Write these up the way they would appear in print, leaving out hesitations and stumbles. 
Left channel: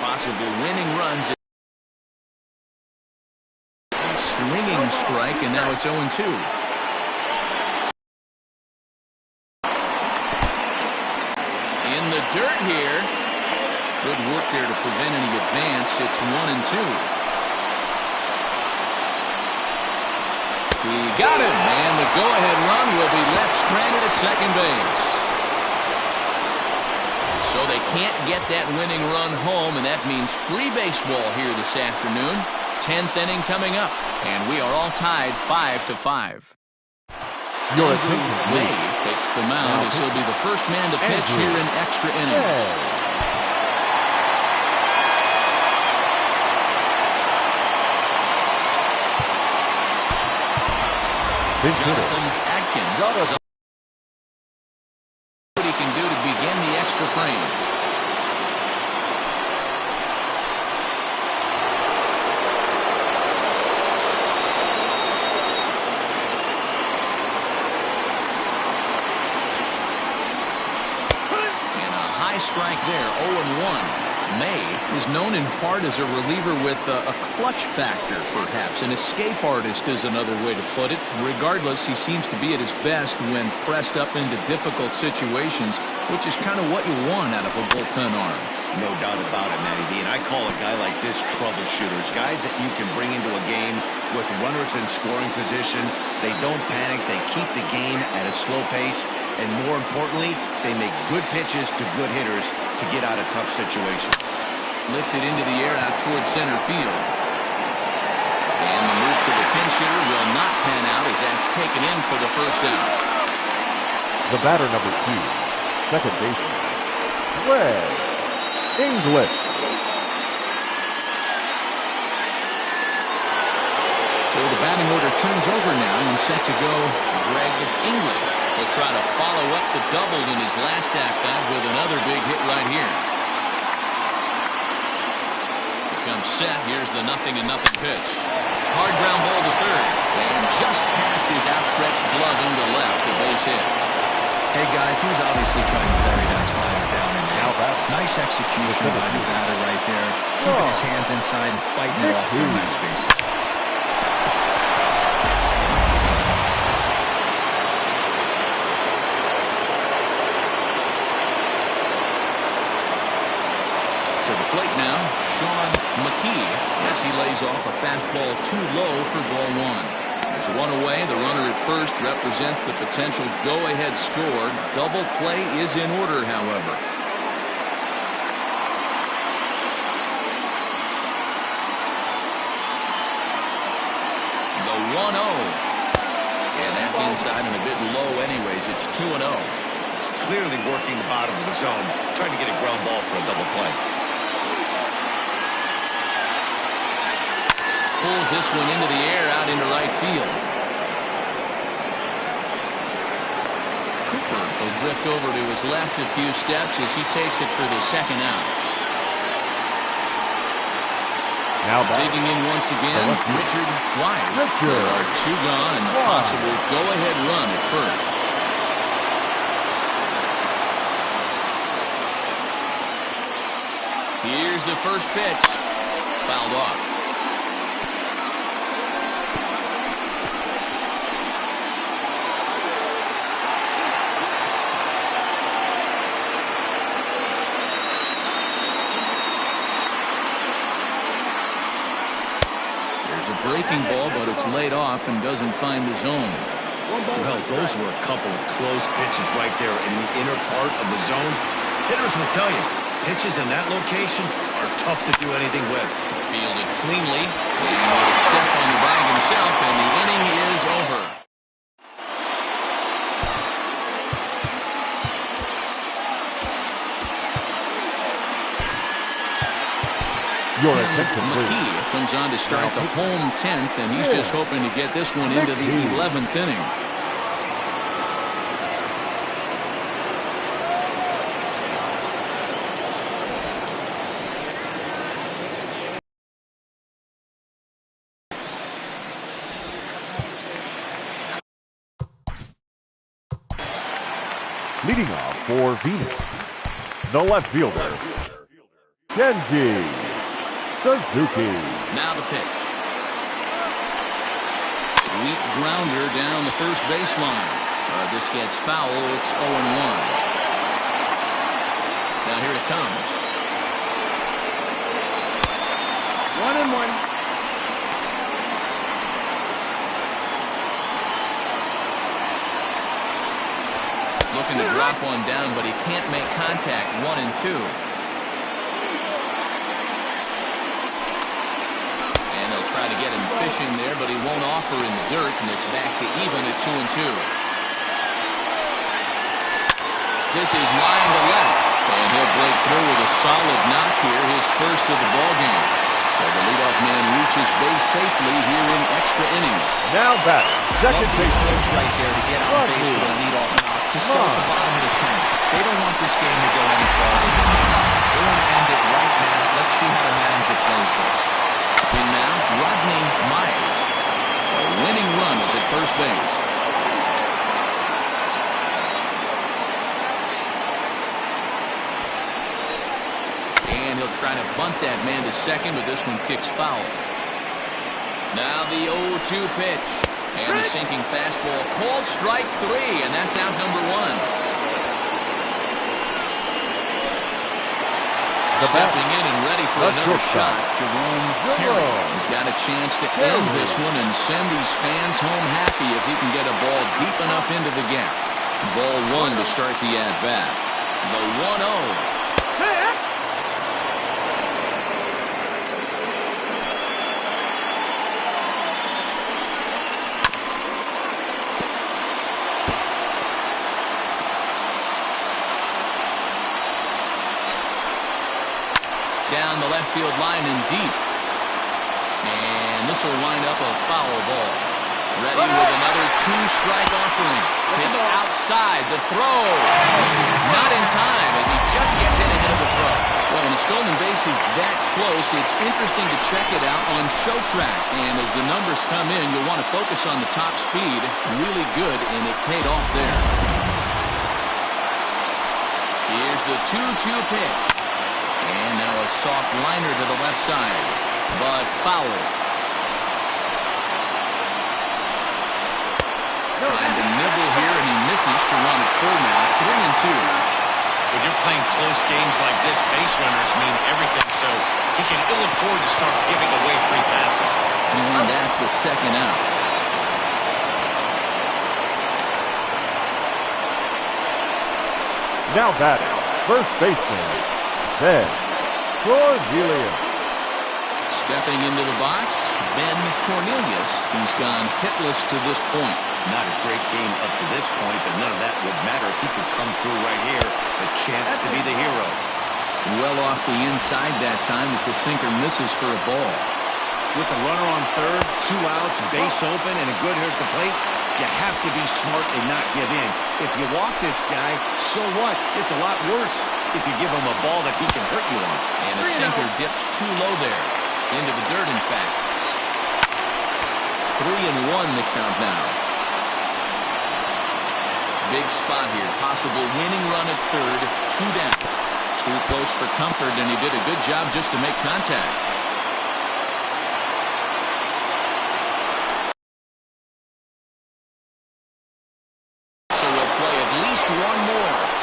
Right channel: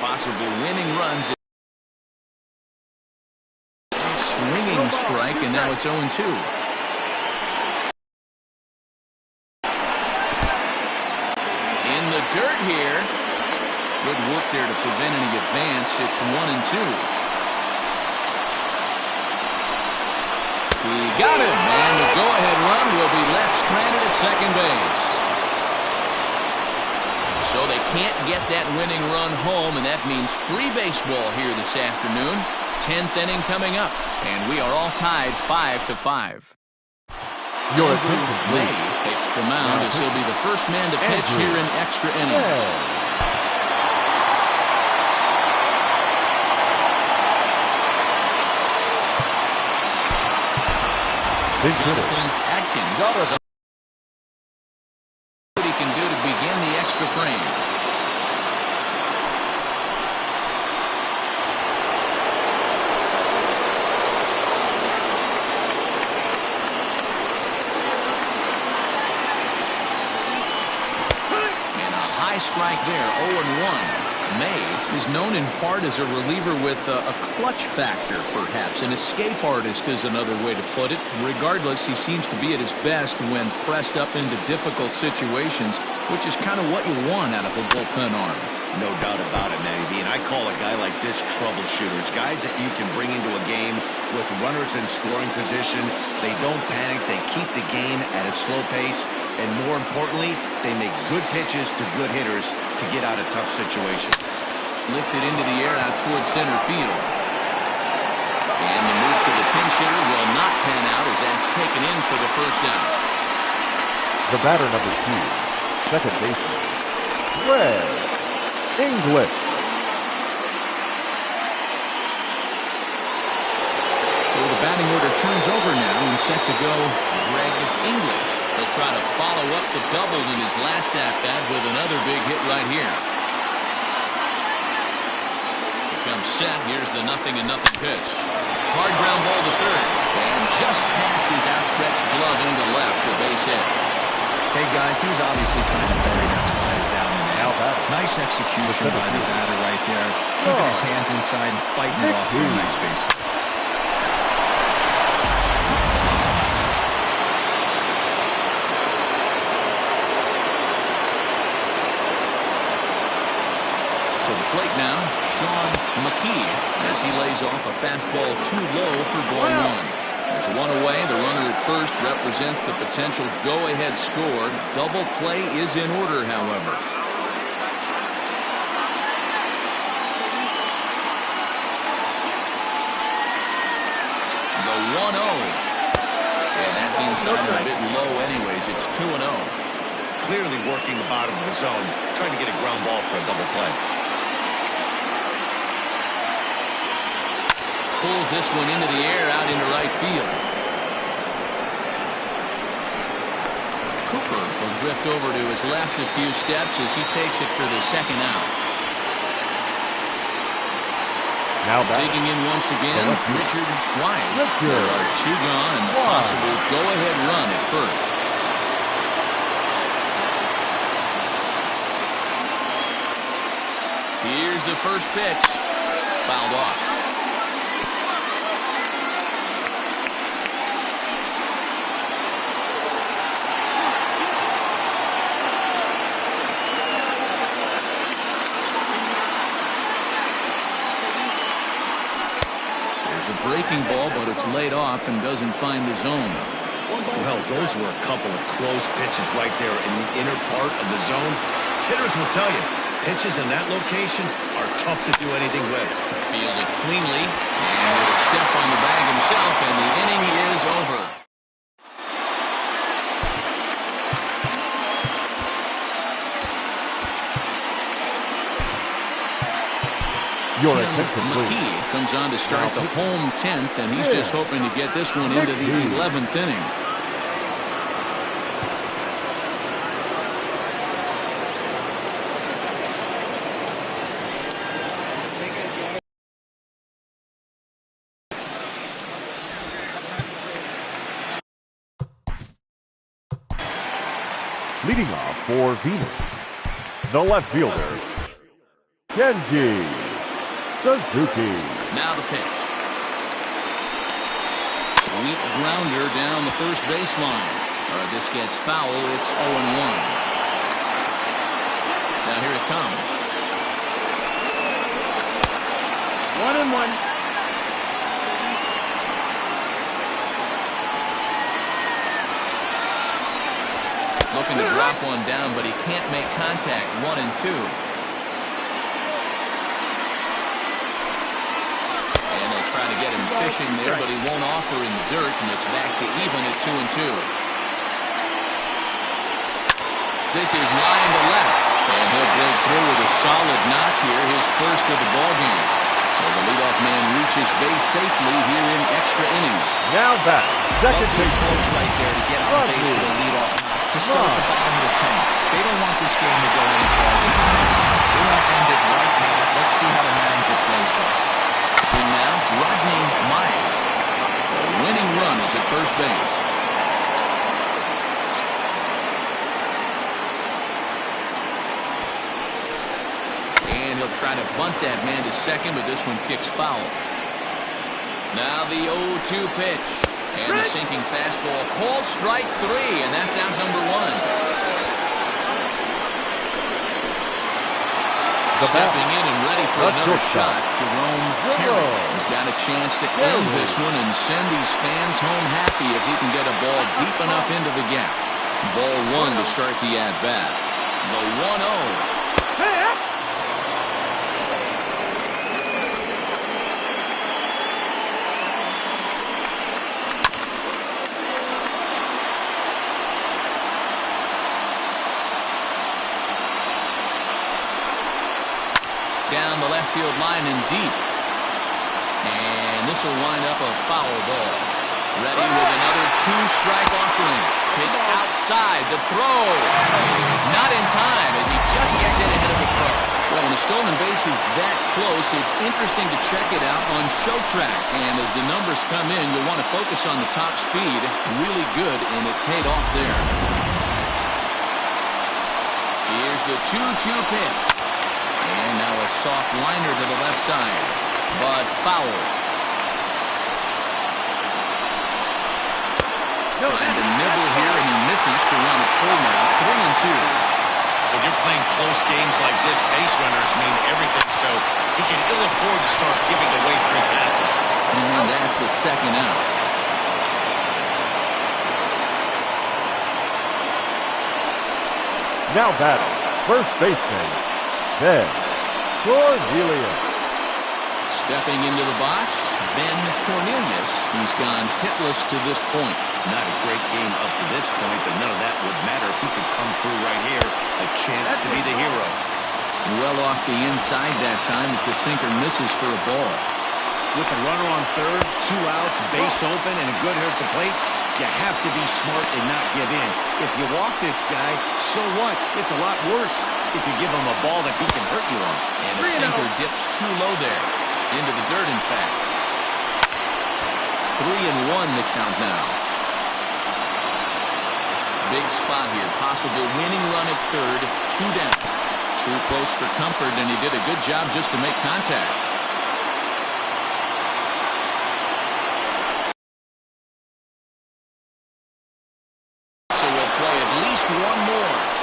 Possible winning runs. Swinging strike, and now it's 0-2. In the dirt here. Good work there to prevent any advance. It's 1-2. He got him, and the go-ahead run will be left stranded at second base. So they can't get that winning run home, and that means free baseball here this afternoon. 10th inning coming up, and we are all tied 5-5. Andrew May takes the mound as he'll be the first man to pitch here in extra innings. Jonathan Adkins. What he can do to begin the extra frames. And a high strike there, 0-1. May is known in part as a reliever with a clutch factor, perhaps. An escape artist is another way to put it. Regardless, he seems to be at his best when pressed up into difficult situations, which is kind of what you want out of a bullpen arm. No doubt about it, Matty B. And I call a guy like this troubleshooters. Guys that you can bring into a game with runners in scoring position. They don't panic. They keep the game at a slow pace. And more importantly, they make good pitches to good hitters to get out of tough situations. Lifted into the air out towards center field. And the move to the pinch hitter will not pan out as that's taken in for the first out. The batter, number 2, second baseman, Greg English. So the batting order turns over now and set to go Greg English. He'll try to follow up the double in his last at-bat with another big hit right here. Becomes set. Here's the 0-0 pitch. Hard ground ball to third. And just past his outstretched glove into left, a base hit. Hey, guys, he was obviously trying to bury that slider down in there. Nice execution by the batter right there. Keeping his hands inside and fighting it off for a nice base hit. To the plate now, Sean McKee, as he lays off a fastball too low for ball 1. There's one away. The runner at first represents the potential go-ahead score. Double play is in order, however. The 1-0. And that's inside and a bit low anyways. It's 2-0. Clearly working the bottom of the zone, trying to get a ground ball for a double play. Pulls this one into the air out into right field. Cooper will drift over to his left a few steps as he takes it for the second out. Now digging in once again, Richard Wise. There are 2 gone and the possible go-ahead run at first. Here's the first pitch. Fouled off. There's a breaking ball, but it's laid off and doesn't find the zone. Well, those were a couple of close pitches right there in the inner part of the zone. Hitters will tell you, pitches in that location are tough to do anything with. Fielded cleanly, and will step on the bag himself, and the inning is over. Tim McKee comes on to start the home 10th, and he's just hoping to get this one into the 11th inning. Leading off for Venus, the left fielder, Kenji Suzuki. Now the pitch. Weak grounder down the first baseline. This gets foul. It's 0-1. Now here it comes. 1-1. Looking to drop one down, but he can't make contact. 1-2. And they'll try to get him fishing there, but he won't offer in the dirt, and it's back to even at 2-2. This is line to left, and he'll break through with a solid knock here, his first of the ball game. So the leadoff man reaches base safely here in extra innings. Now batting, second base approach right there to get on base with a leadoff knock to start the bottom of the 10th. They don't want this game to go any farther than this. They want to end it right now. Let's see how the manager plays this. And now Rodney Myers. A winning run is at first base. And he'll try to bunt that man to second, but this one kicks foul. Now the 0-2 pitch. And the sinking fastball. Called strike 3, and that's out number 1. Stepping in and ready for another shot, Jerome Terry. He's got a chance to end this one and send these fans home happy if he can get a ball deep enough into the gap. Ball 1 to start the at-bat. The 1-0. Down the left field line and deep. And this will wind up a foul ball. Ready with another 2-strike offering. Pitch outside. The throw. Not in time as he just gets in ahead of the throw. Well, when a stolen base is that close, it's interesting to check it out on Show Track. And as the numbers come in, you'll want to focus on the top speed. Really good, and it paid off there. Here's the 2-2 pitch. And now a soft liner to the left side, but foul. Trying to nibble here, and he misses to run it full now. 3-2. When you're playing close games like this, base runners mean everything, so he can ill afford to start giving away free passes. And that's the second out. Now batting, first baseman, Ben Cornelius. Stepping into the box, Ben Cornelius. He's gone hitless to this point. Not a great game up to this point, but none of that would matter if he could come through right here. A chance to be the hero. Well off the inside that time as the sinker misses for a ball. With a runner on third, 2 outs, base open, and a good hitter at the plate, you have to be smart and not give in. If you walk this guy, so what? It's a lot worse if you give him a ball that he can hurt you on. And a sinker dips too low there. Into the dirt, in fact. 3-1 the count now. Big spot here. Possible winning run at third. 2 down. Too close for comfort, and he did a good job just to make contact. So we'll play at least one more.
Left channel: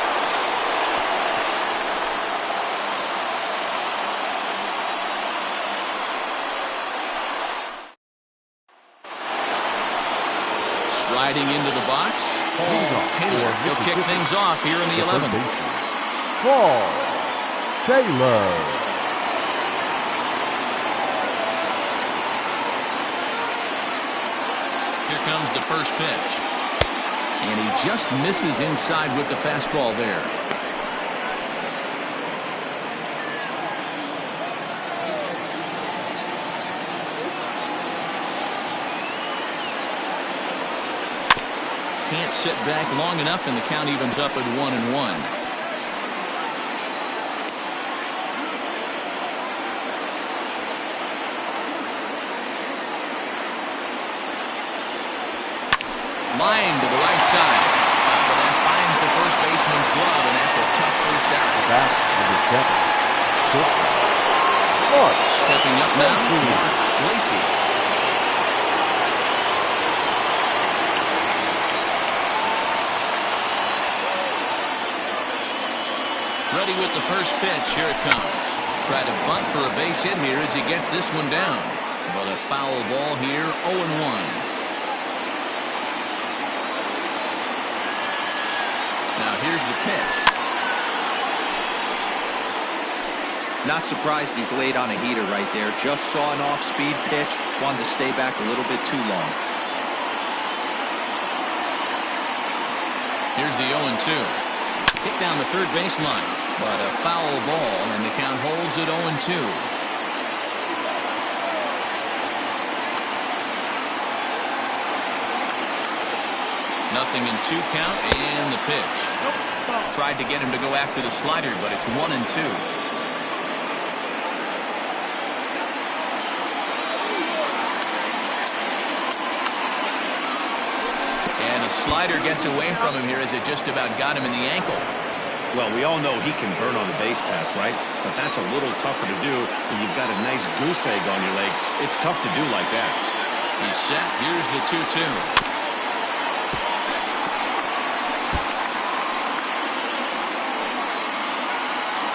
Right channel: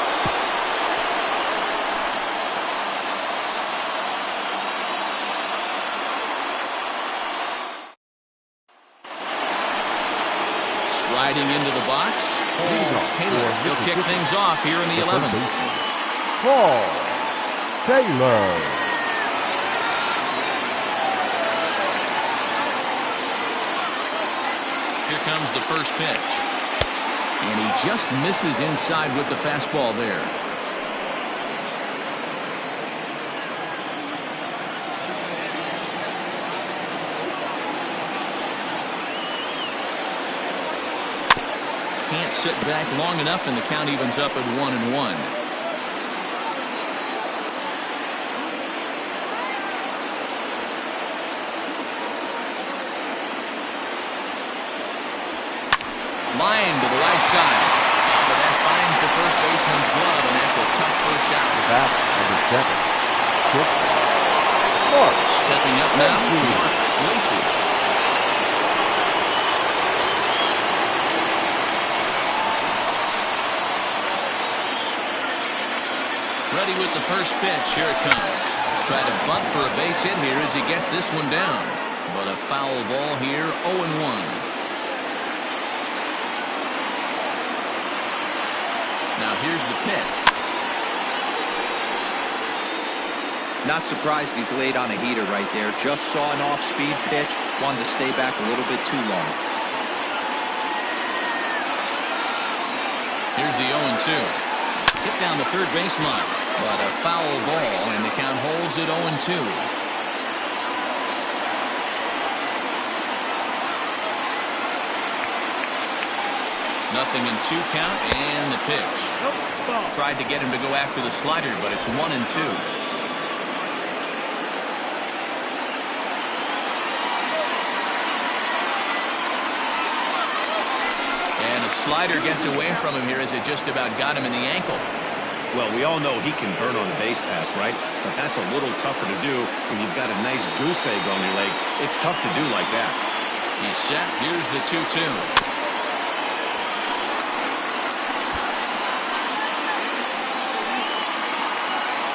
Riding into the box, Paul Taylor. He'll kick things off here in the 11th. Paul Taylor. Here comes the first pitch. And he just misses inside with the fastball there. Can't sit back long enough, and the count evens up at 1-1. Line to the right side. But that finds the first baseman's glove, and that's a tough first out. Back number 7. Short. Mark. Stepping up now, Mark Lacey. Ready with the first pitch. Here it comes. Try to bunt for a base hit here as he gets this one down. But a foul ball here, 0-1. Now here's the pitch. Not surprised he's laid on a heater right there. Just saw an off-speed pitch. Wanted to stay back a little bit too long. Here's the 0-2. Hit down the third baseline. But a foul ball, and the count holds at 0-2. Nothing in 2 count, and the pitch. Tried to get him to go after the slider, but it's 1-2. And a slider gets away from him here as it just about got him in the ankle. Well, we all know he can burn on a base pass, right? But that's a little tougher to do when you've got a nice goose egg on your leg. It's tough to do like that. He's set. Here's the 2-2.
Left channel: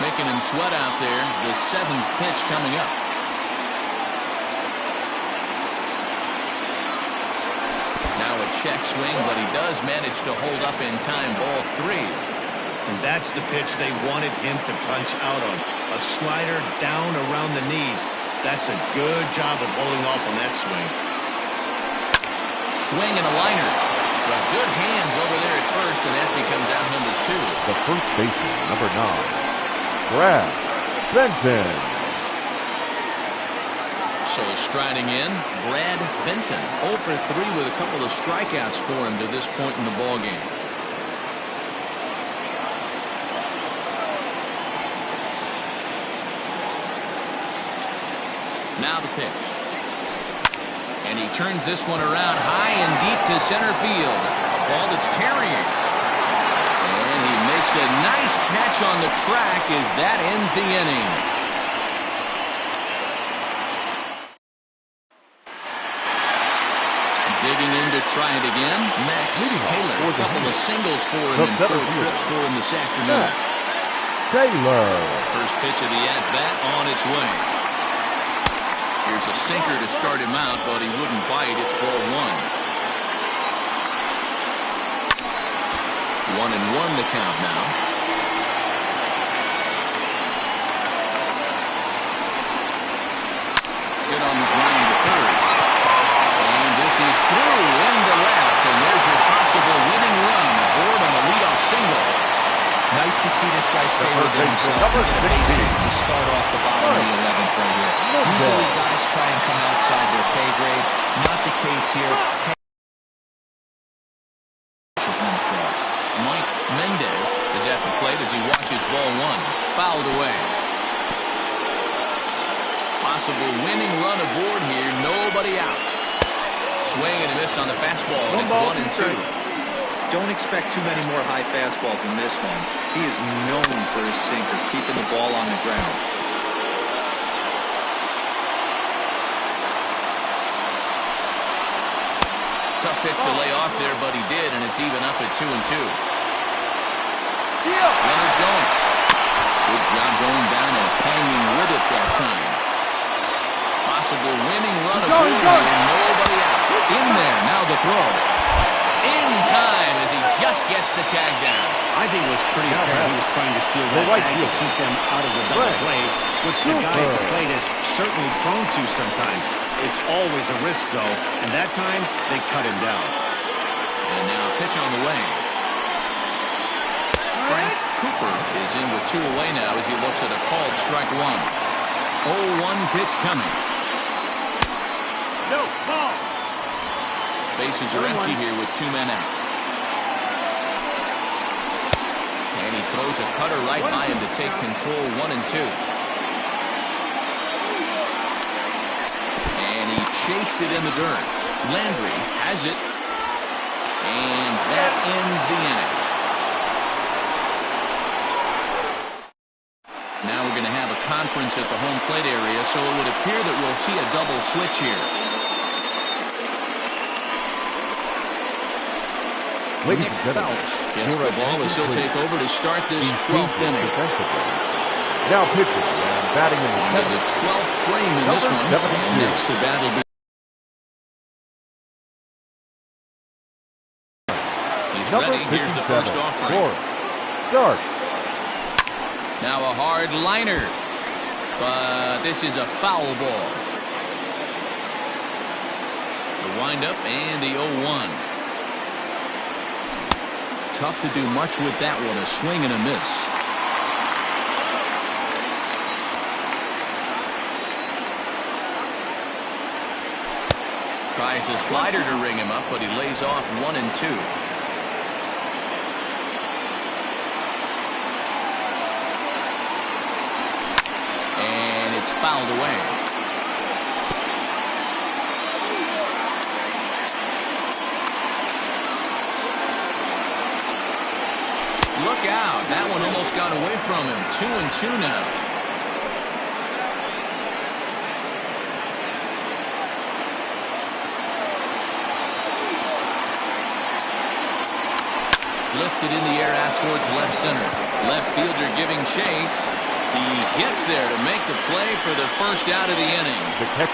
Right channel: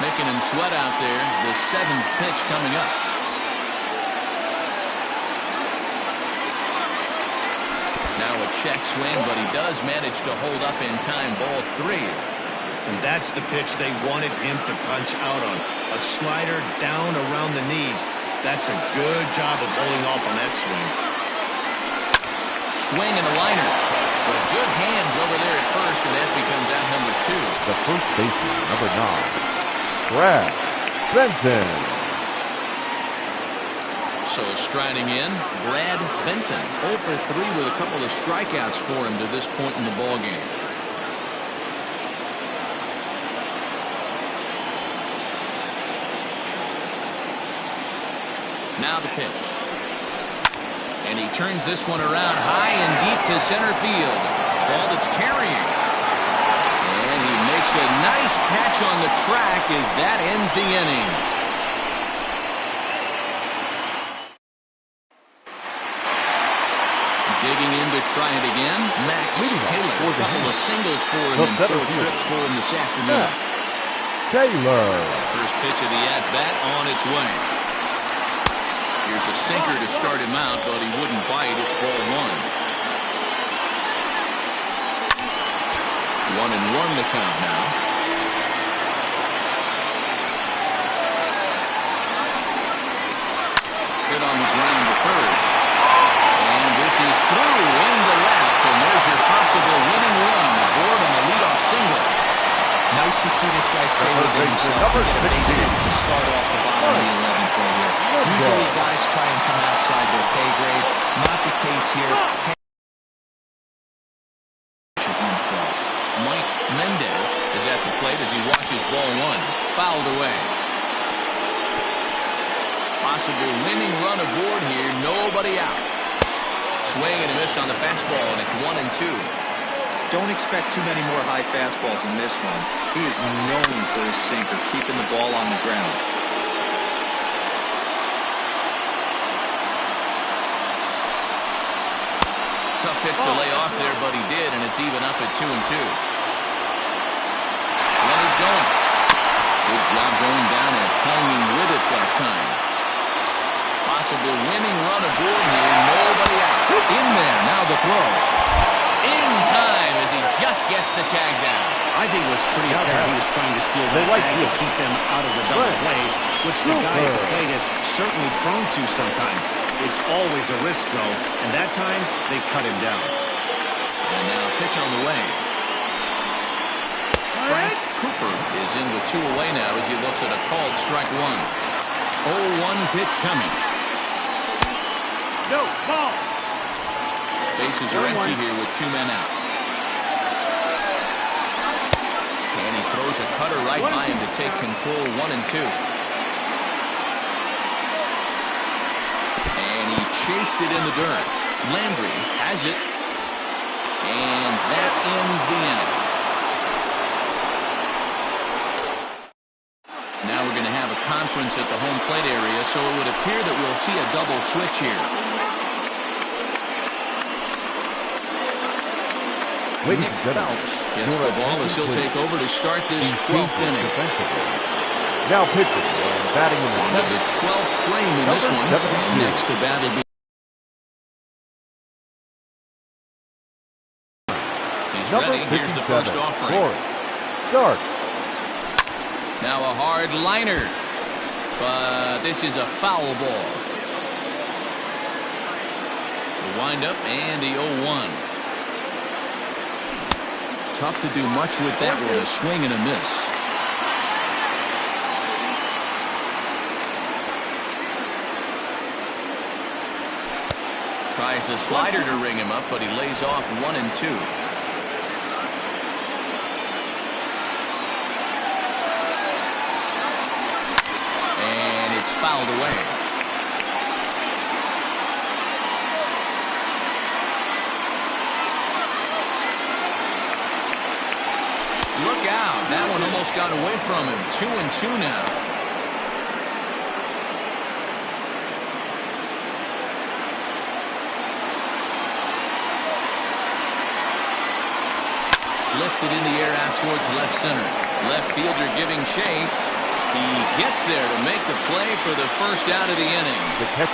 Making him sweat out there. The 7th pitch coming up. Now a check swing, but he does manage to hold up in time. Ball 3. And that's the pitch they wanted him to punch out on. A slider down around the knees. That's a good job of holding off on that swing. Swing and a liner. But good hands over there at first, and that becomes out number 2. The first baseman, number 9, Brad Benton. So striding in, Brad Benton. 0 for 3 with a couple of strikeouts for him to this point in the ballgame. Now the pitch. And he turns this one around high and deep to center field. Ball that's carrying. And he makes a nice catch on the track as that ends the inning. Digging in to try it again, Max Taylor. A couple of singles for him and 4 trips for him this afternoon. Taylor. First pitch of the at-bat on its way. Here's a sinker to start him out, but he wouldn't bite. It's ball 1. 1-1 the count now. Hit on the ground to third. And this is through into left, and there's your possible winning run aboard on the leadoff single. Nice to see this guy stay within himself and get a base hit to start off the bottom of the 11th right here. Usually guys try and come outside their pay grade. Not the case here. One across. Mike Mendez is at the plate as he watches ball 1. Fouled away. Possible winning run aboard here. Nobody out. Swing and a miss on the fastball, and it's 1-2. Don't expect too many more high fastballs in this one. He is known for his sinker, keeping the ball on the ground. Tough pitch to lay off there, but he did, and it's even up at 2-2. Runner's going. Good job going down and hanging with it that time. Possible winning run aboard here. Nobody out. In there. Now the throw. In time as he just gets the tag down. I think it was pretty apparent he was trying to steal that tag to keep them out of the double play, which the guy at the plate is certainly prone to sometimes. It's always a risk, though, and that time they cut him down. And now pitch on the way. Frank Cooper is in with 2 away now as he looks at a called strike 1. 0-1 pitch coming. No, ball. Bases are empty here with 2 men out. And he throws a cutter right by him to take control. 1-2. And he chased it in the dirt. Landry has it. And that ends the inning. Now we're going to have a conference at the home plate area, so it would appear that we'll see a double switch here. Nick Phelps gets the ball as he'll take over to start this 12th inning. Now pitching and batting in the 12th frame in this one. And next to bat will be. He's ready. Here's the first offering. Start. Now a hard liner. But this is a foul ball. The windup and the 0-1. Tough to do much with that one. A swing and a miss. Tries the slider to ring him up, but he lays off 1 and 2. And it's fouled away. Look out. That one almost got away from him. 2 and 2 now. Lifted in the air out towards left center. Left fielder giving chase. He gets there to make the play for the first out of the inning.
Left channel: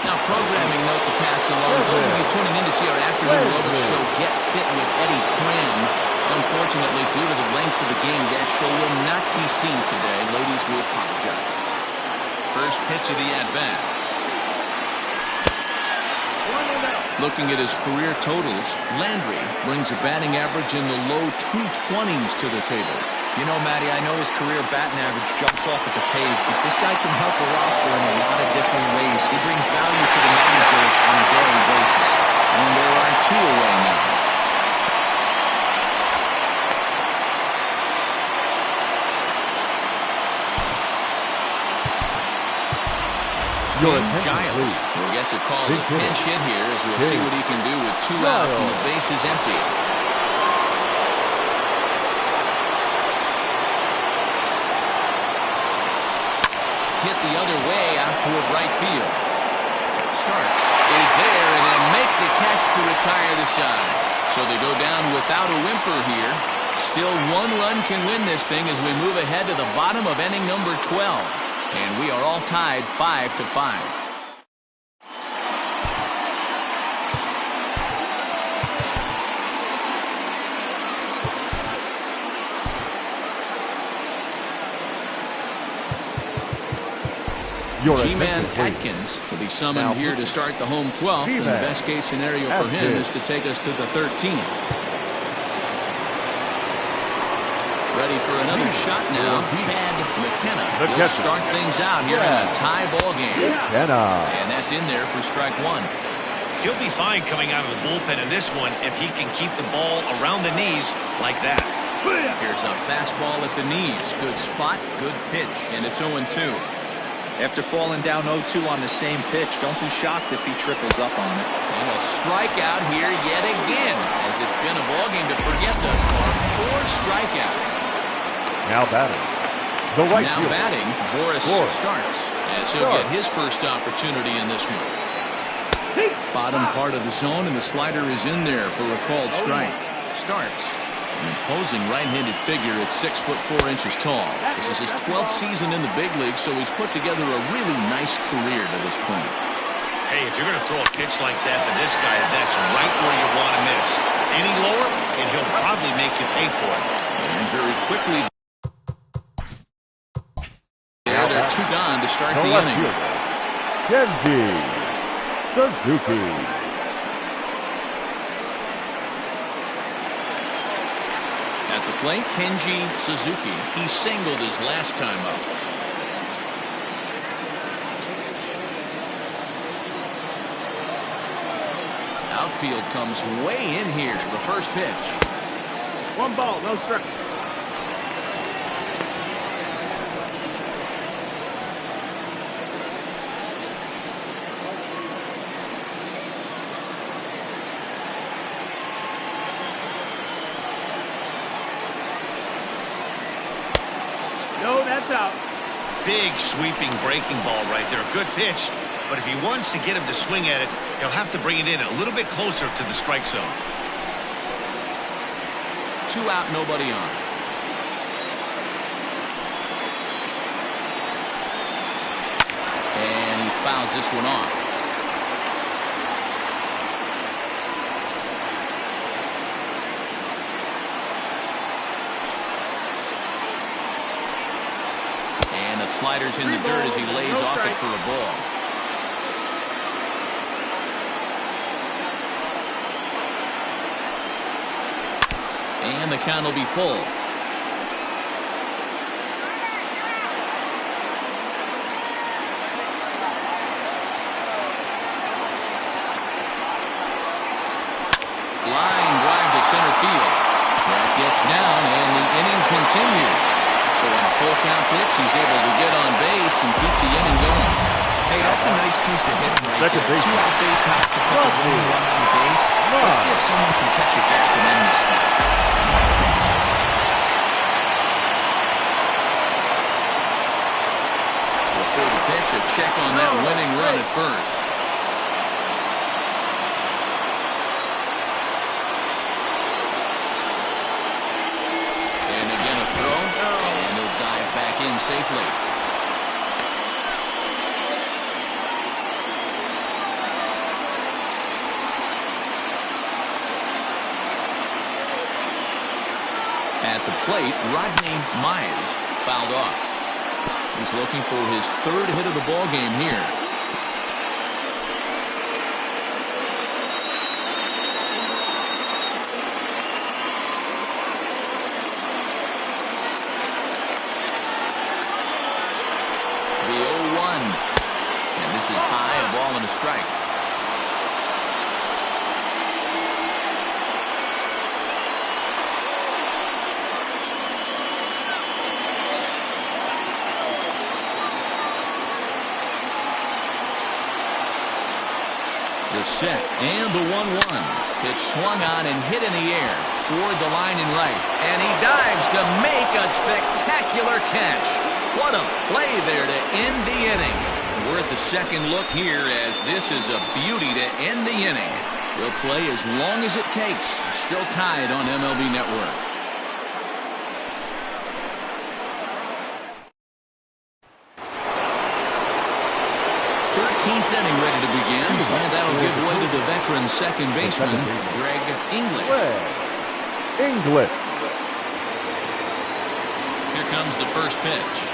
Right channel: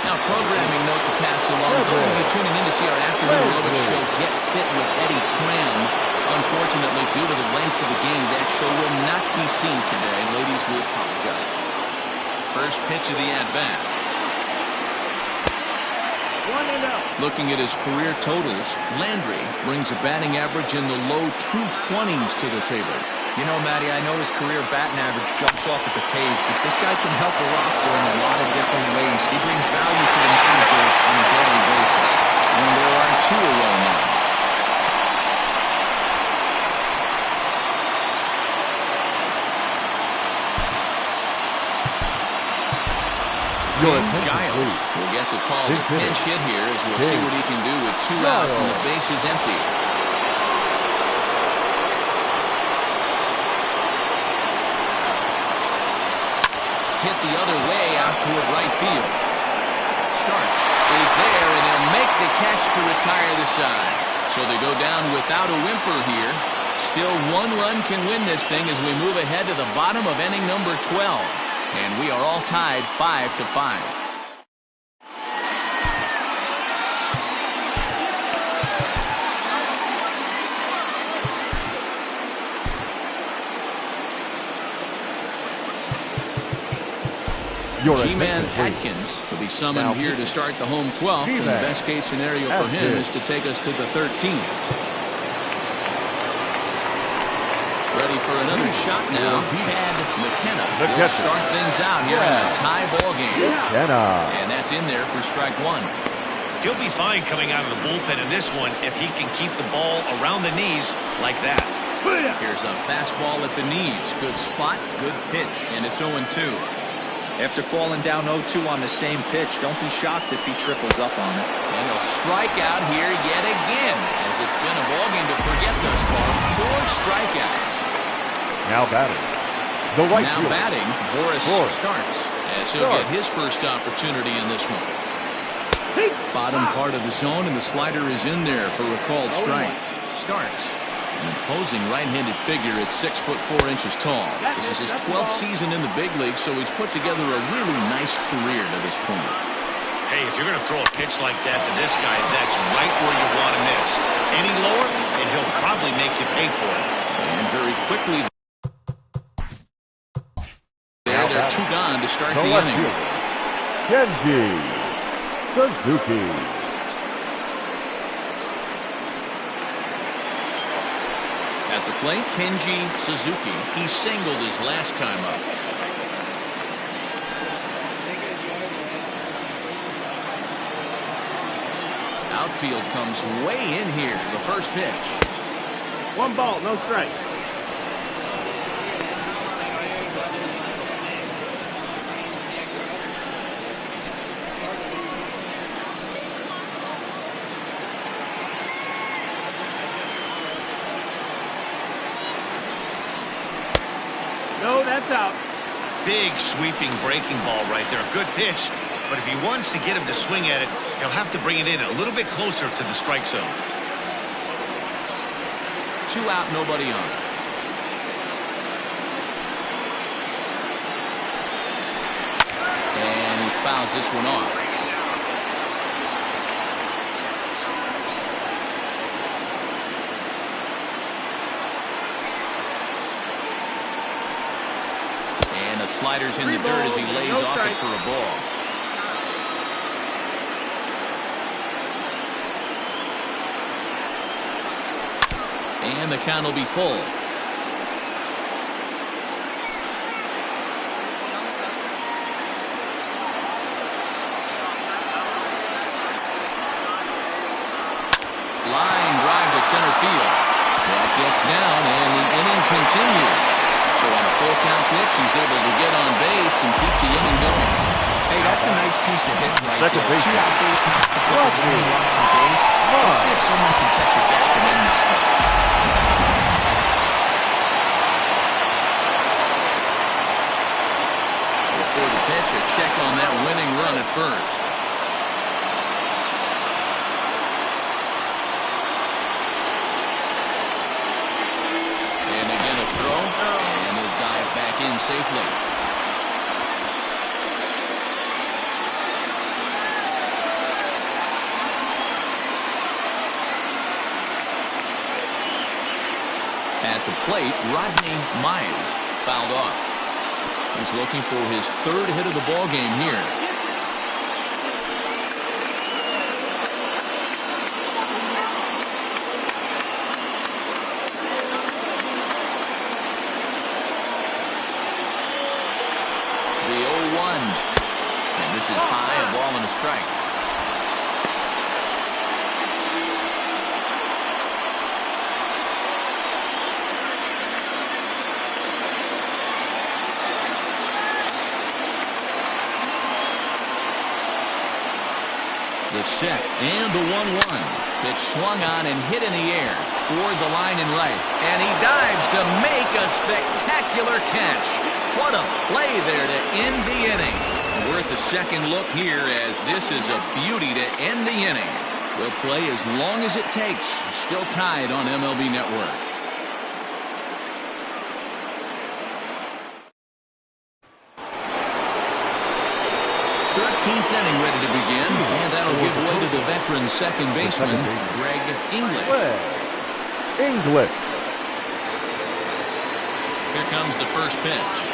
Now, programming note to pass along. Those of you tuning in to see our afternoon aerobics show Get Fit with Eddie Cram. Unfortunately, due to the length of the game, that show will not be seen today. Ladies, we apologize. First pitch of the at-bat. Looking at his career totals, Landry brings a batting average in the low 220s to the table. You know, Matty, I know his career batting average jumps off at the page, but this guy can help a roster in a lot of different ways. He brings value to the manager on a daily basis. And there are 2 away now. Giles will get the call to pinch hit here as we'll see what he can do with 2 out and the base is empty. Hit the other way out toward right field. Starts is there, and they'll make the catch to retire the side. So they go down without a whimper here. Still 1 run can win this thing as we move ahead to the bottom of inning number 12. And we are all tied 5-5. G-Man Atkins will be summoned here to start the home 12th. And the best case scenario for him is to take us to the 13th. Ready for another shot now. Chad McKenna. He'll start things out here in a tie ball game. And that's in there for strike 1. He'll be fine coming out of the bullpen in this one if he can keep the ball around the knees like that. Here's a fastball at the knees. Good spot, good pitch, and it's 0-2. After falling down 0-2 on the same pitch, don't be shocked if he triples up on it. And he'll strike out here yet again, as it's been a ballgame to forget thus far. 4 strikeouts. Now batting. The right now fielder. Batting, Boris starts, as he'll get his first opportunity in this one. Bottom part of the zone, and the slider is in there for a called strike. Starts. An imposing right-handed figure at 6'4" tall. This is his 12th season in the big league, so he's put together a really nice career to this point. Hey, if you're going to throw a pitch like that to this guy, that's right where you want to miss. Any lower, and he'll probably make you pay for it. And very quickly, they're 2 gone to start the inning. Kenji Suzuki. At the plate, Kenji Suzuki. He singled his last time up. Outfield comes way in here. The first pitch. 1 ball, no strike. No, that's out. Big sweeping breaking ball right there. A good pitch. But if he wants to get him to swing at it, he'll have to bring it in a little bit closer to the strike zone. 2 out, nobody on. And he fouls this one off. And the slider's in the dirt as he lays off it for a ball. And the count will be full. Line drive to center field. That gets down, and the inning continues. So on a full count pitch, he's able to get on base and keep the inning going. Hey, that's a nice piece of hitting right Second there. base. 2 out base knock to put the winning run on base. Let's see if someone can catch a gap and end this thing. Before the pitch, a check on that winning run at first. And again a throw, and he'll dive back in safely. At the plate, Rodney Mize fouled off. He's looking for his 3rd hit of the ball game here. The 0-1. And this is high, a ball and a strike. The set and the 1-1. Pitch swung on and hit in the air toward the line and right. And he dives to make a spectacular catch. What a play there to end the inning. Worth a second look here, as this is a beauty to end the inning. We'll play as long as it takes. Still tied on MLB Network. 13th inning ready to begin, and that'll give way to the veteran second baseman, Greg English. English. Here comes the first pitch.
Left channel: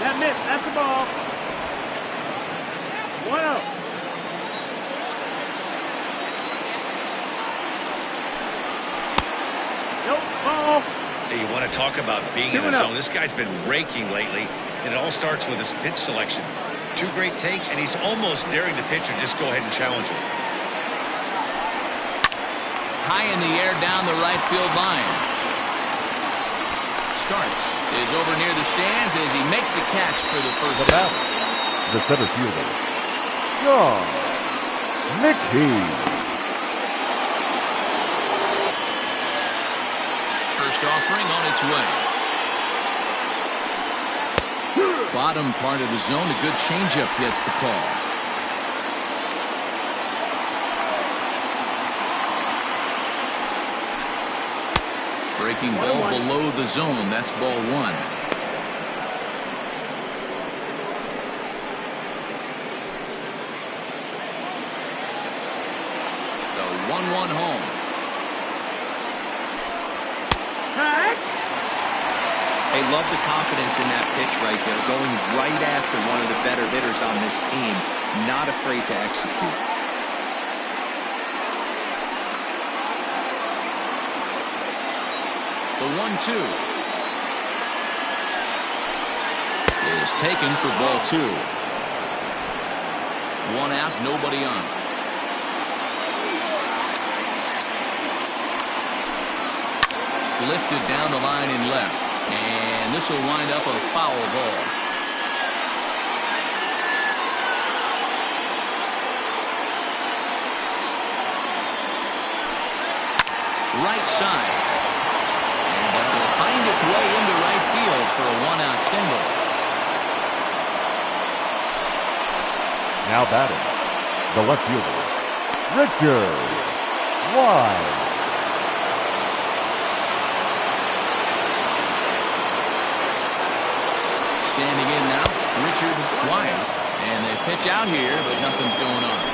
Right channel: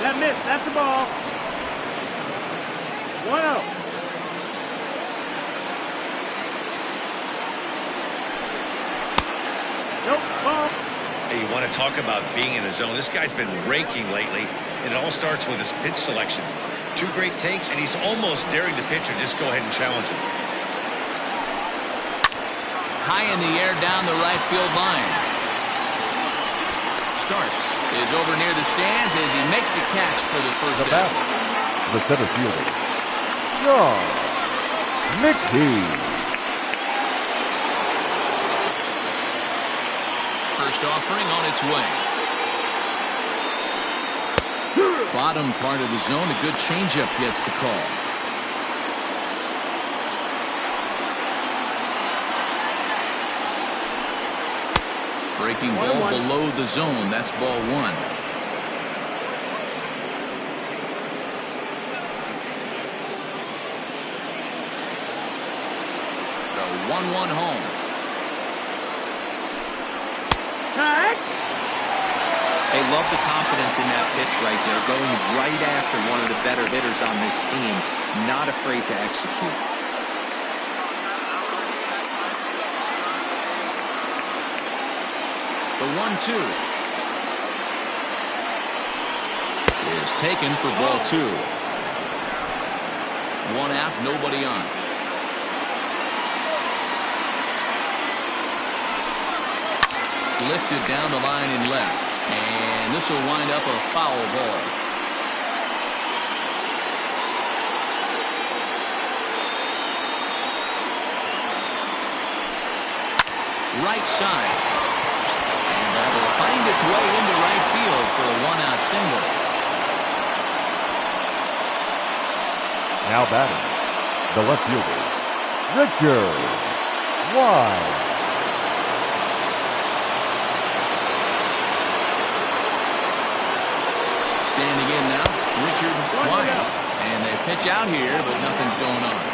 That missed. That's the ball. 1-0. Nope. Ball. Hey, you want to talk about being in the zone? This guy's been raking lately, and it all starts with his pitch selection. 2 great takes, and he's almost daring the pitcher just go ahead and challenge him. High in the air down the right field line. Starts. Is over near the stands as he makes the catch for the first out. The center fielder, John Mickey. First offering on its way. Bottom part of the zone, a good changeup gets the call. Breaking ball below the zone. That's ball 1. The 1-1 home. Hey, love the confidence in that pitch right there, going right after one of the better hitters on this team, not afraid to execute. The 1-2 is taken for ball 2. 1 out, nobody on. Lifted down the line and left. And this will wind up a foul ball. Right side. And that will find its way into right field for a one-out single. Now batting, the left fielder, Richard. Wide. Standing in now, Richard Wise. And they pitch out here, but nothing's going on.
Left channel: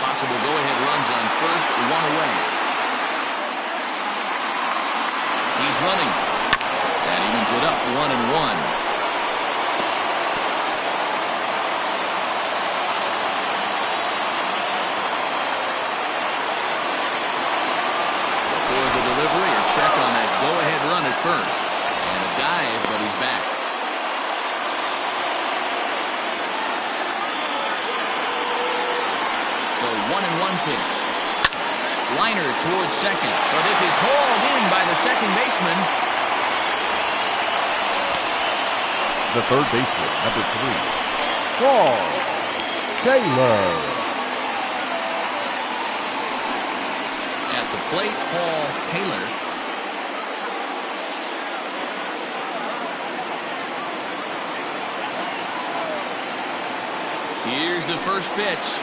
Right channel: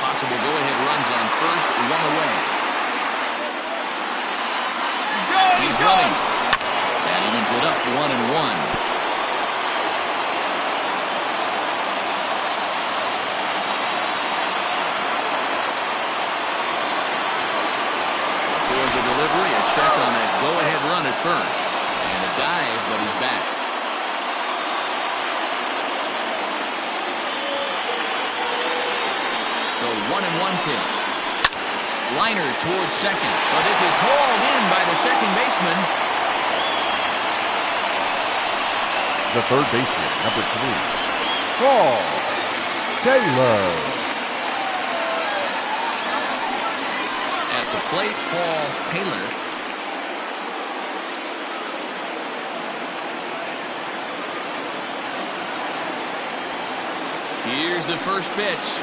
Possible go-ahead runs on first, one away. He's running. That evens it up, 1-1. Before the delivery, a check on that go-ahead run at first. And a dive, but he's back. The 1-1 pitch. Liner towards second, but this is hauled in by the second baseman. The third baseman, number 3, Paul Taylor. At the plate, Paul Taylor. Here's the first pitch.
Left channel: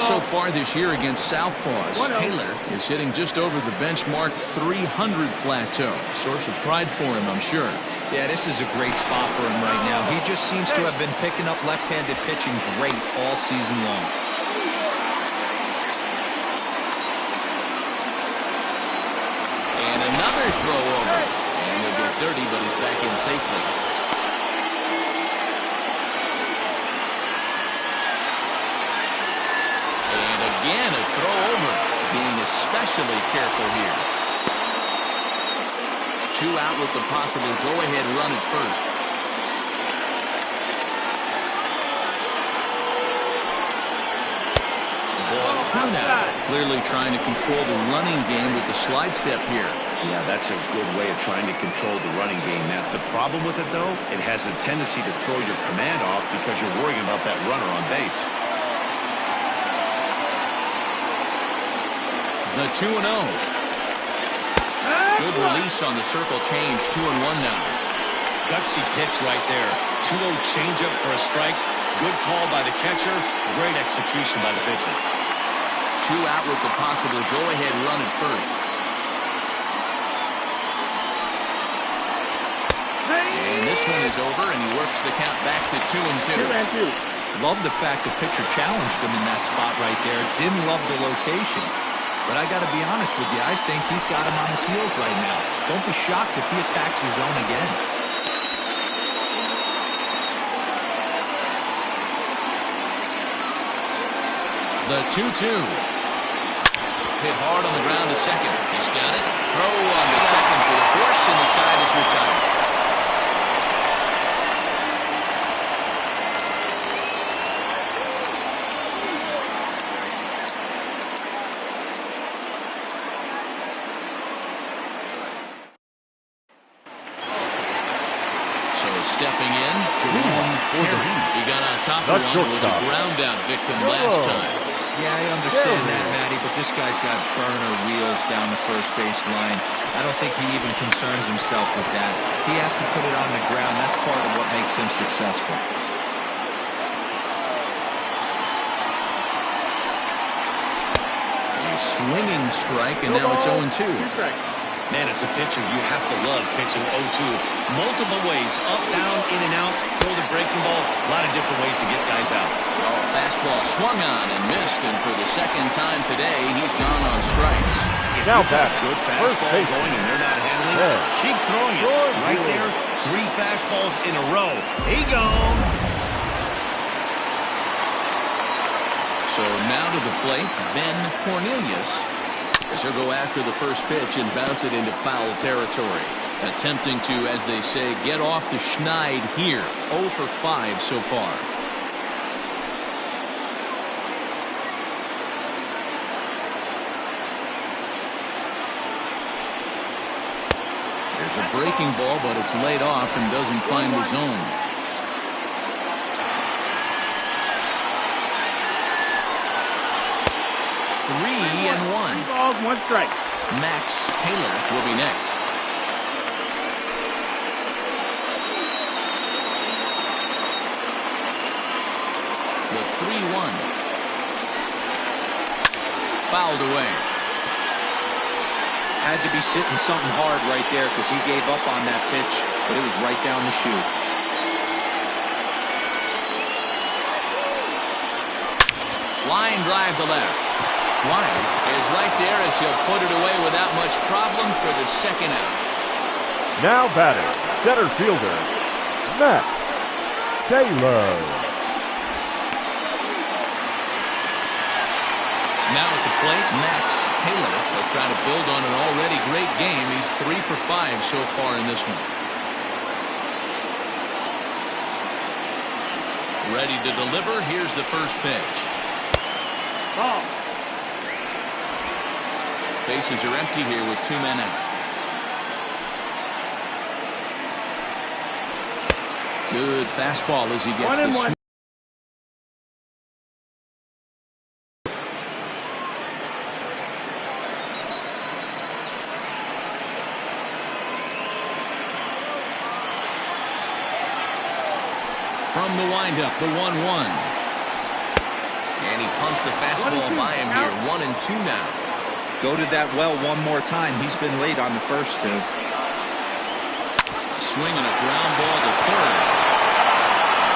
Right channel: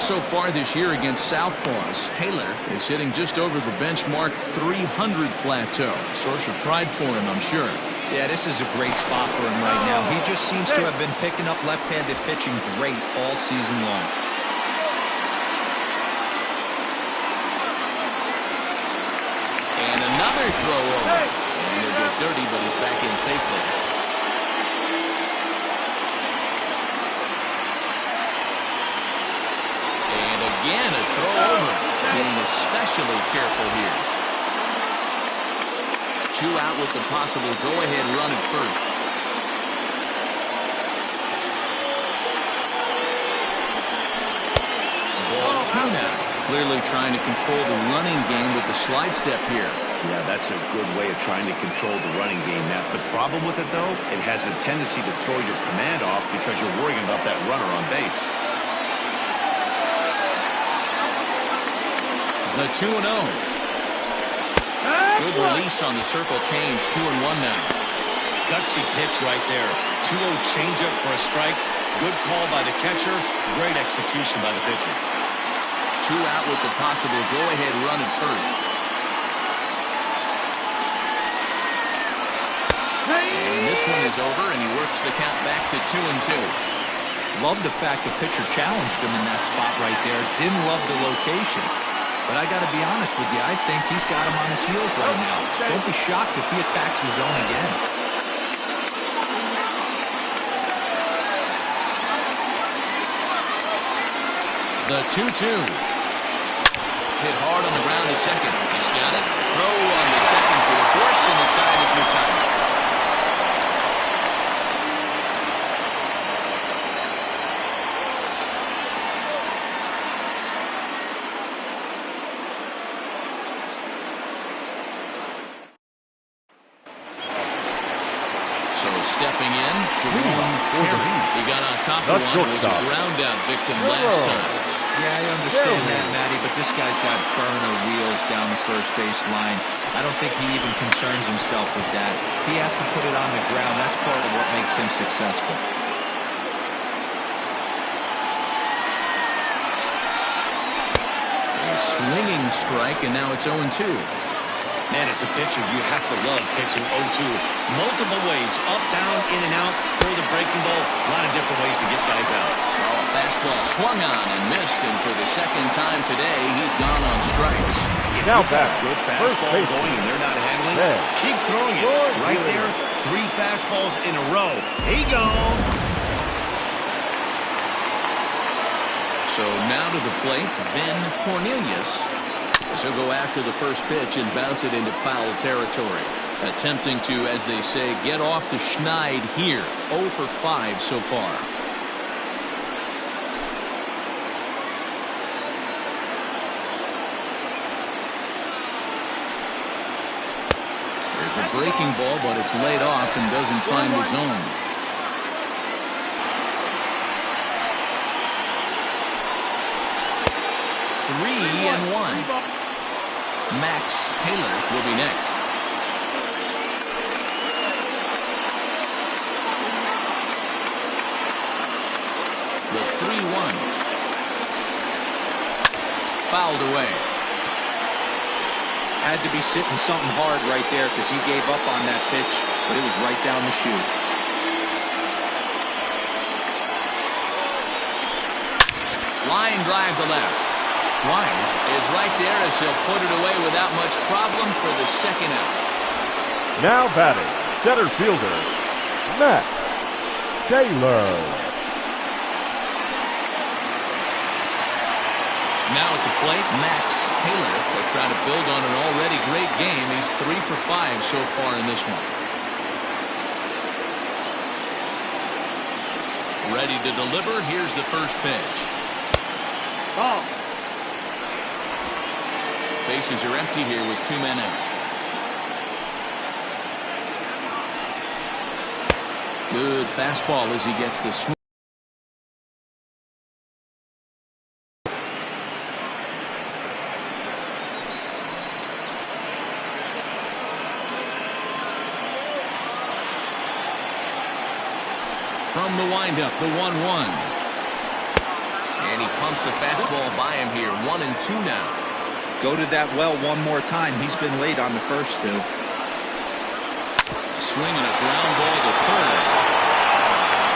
So far this year against Southpaws, Taylor is hitting just over the benchmark 300 plateau. Source of pride for him, I'm sure. Yeah, this is a great spot for him right now. He just seems to have been picking up left-handed pitching great all season long. And another throw over. And he'll get dirty, but he's back in safely. And again, a throw over. Being especially careful here. 2 out with the possible go-ahead run at first. Ball 2 now. Clearly trying to control the running game with the slide step here. Yeah, that's a good way of trying to control the running game, Matt. The problem with it, though, it has a tendency to throw your command off because you're worrying about that runner on base. The 2-0. Good release on the circle change. 2-1 now. Gutsy pitch right there. 2-0 changeup for a strike. Good call by the catcher. Great execution by the pitcher. 2 out with the possible go-ahead run at first. And this one is over, and he works the count back to 2-2. Love the fact the pitcher challenged him in that spot right there. Didn't love the location. But I got to be honest with you, I think he's got him on his heels right now. Don't be shocked if he attacks his zone again. The 2-2. Hit hard on the ground to second. He's got it. Throw on the second for the force, and the side is retired. Stepping in, Jerome Terry. He got on top of one and was a ground-out victim last time. Yeah, I understand that, Matty, but this guy's got burner wheels down the first base line. I don't think he even concerns himself with that. He has to put it on the ground. That's part of what makes him successful. A swinging strike, and now it's 0-2. Man, as a pitcher, you have to love pitching 0-2. Multiple ways, up, down, in and out, throw the breaking ball. A lot of different ways to get guys out. Oh, a fastball swung on and missed, and for the second time today, he's gone on strikes. If you've got a good fastball going and they're not handling, keep throwing it. Right there, 3 fastballs in a row. He gone. So now to the plate, Ben Cornelius. As he'll go after the first pitch and bounce it into foul territory. Attempting to, as they say, get off the schneid here. 0 for 5 so far. There's a breaking ball, but it's laid off and doesn't find the zone. 3-1. 3 balls, 1 strike. Max Taylor will be next. The 3-1. Fouled away. Had to be sitting something hard right there because he gave up on that pitch, but it was right down the chute. Line drive to left. Wise is right there as he'll put it away without much problem for the second out. Now batting, center fielder, Max Taylor. Now at the plate, Max Taylor will try to build on an already great game. He's 3 for 5 so far in this one. Ready to deliver. Here's the first pitch. Ball. Bases are empty here with 2 men out. Good fastball as he gets the swing. From the windup, the 1-1. And he pumps the fastball by him here. 1-2 now. Go to that well one more time. He's been late on the first 2. Swing and a ground ball to third.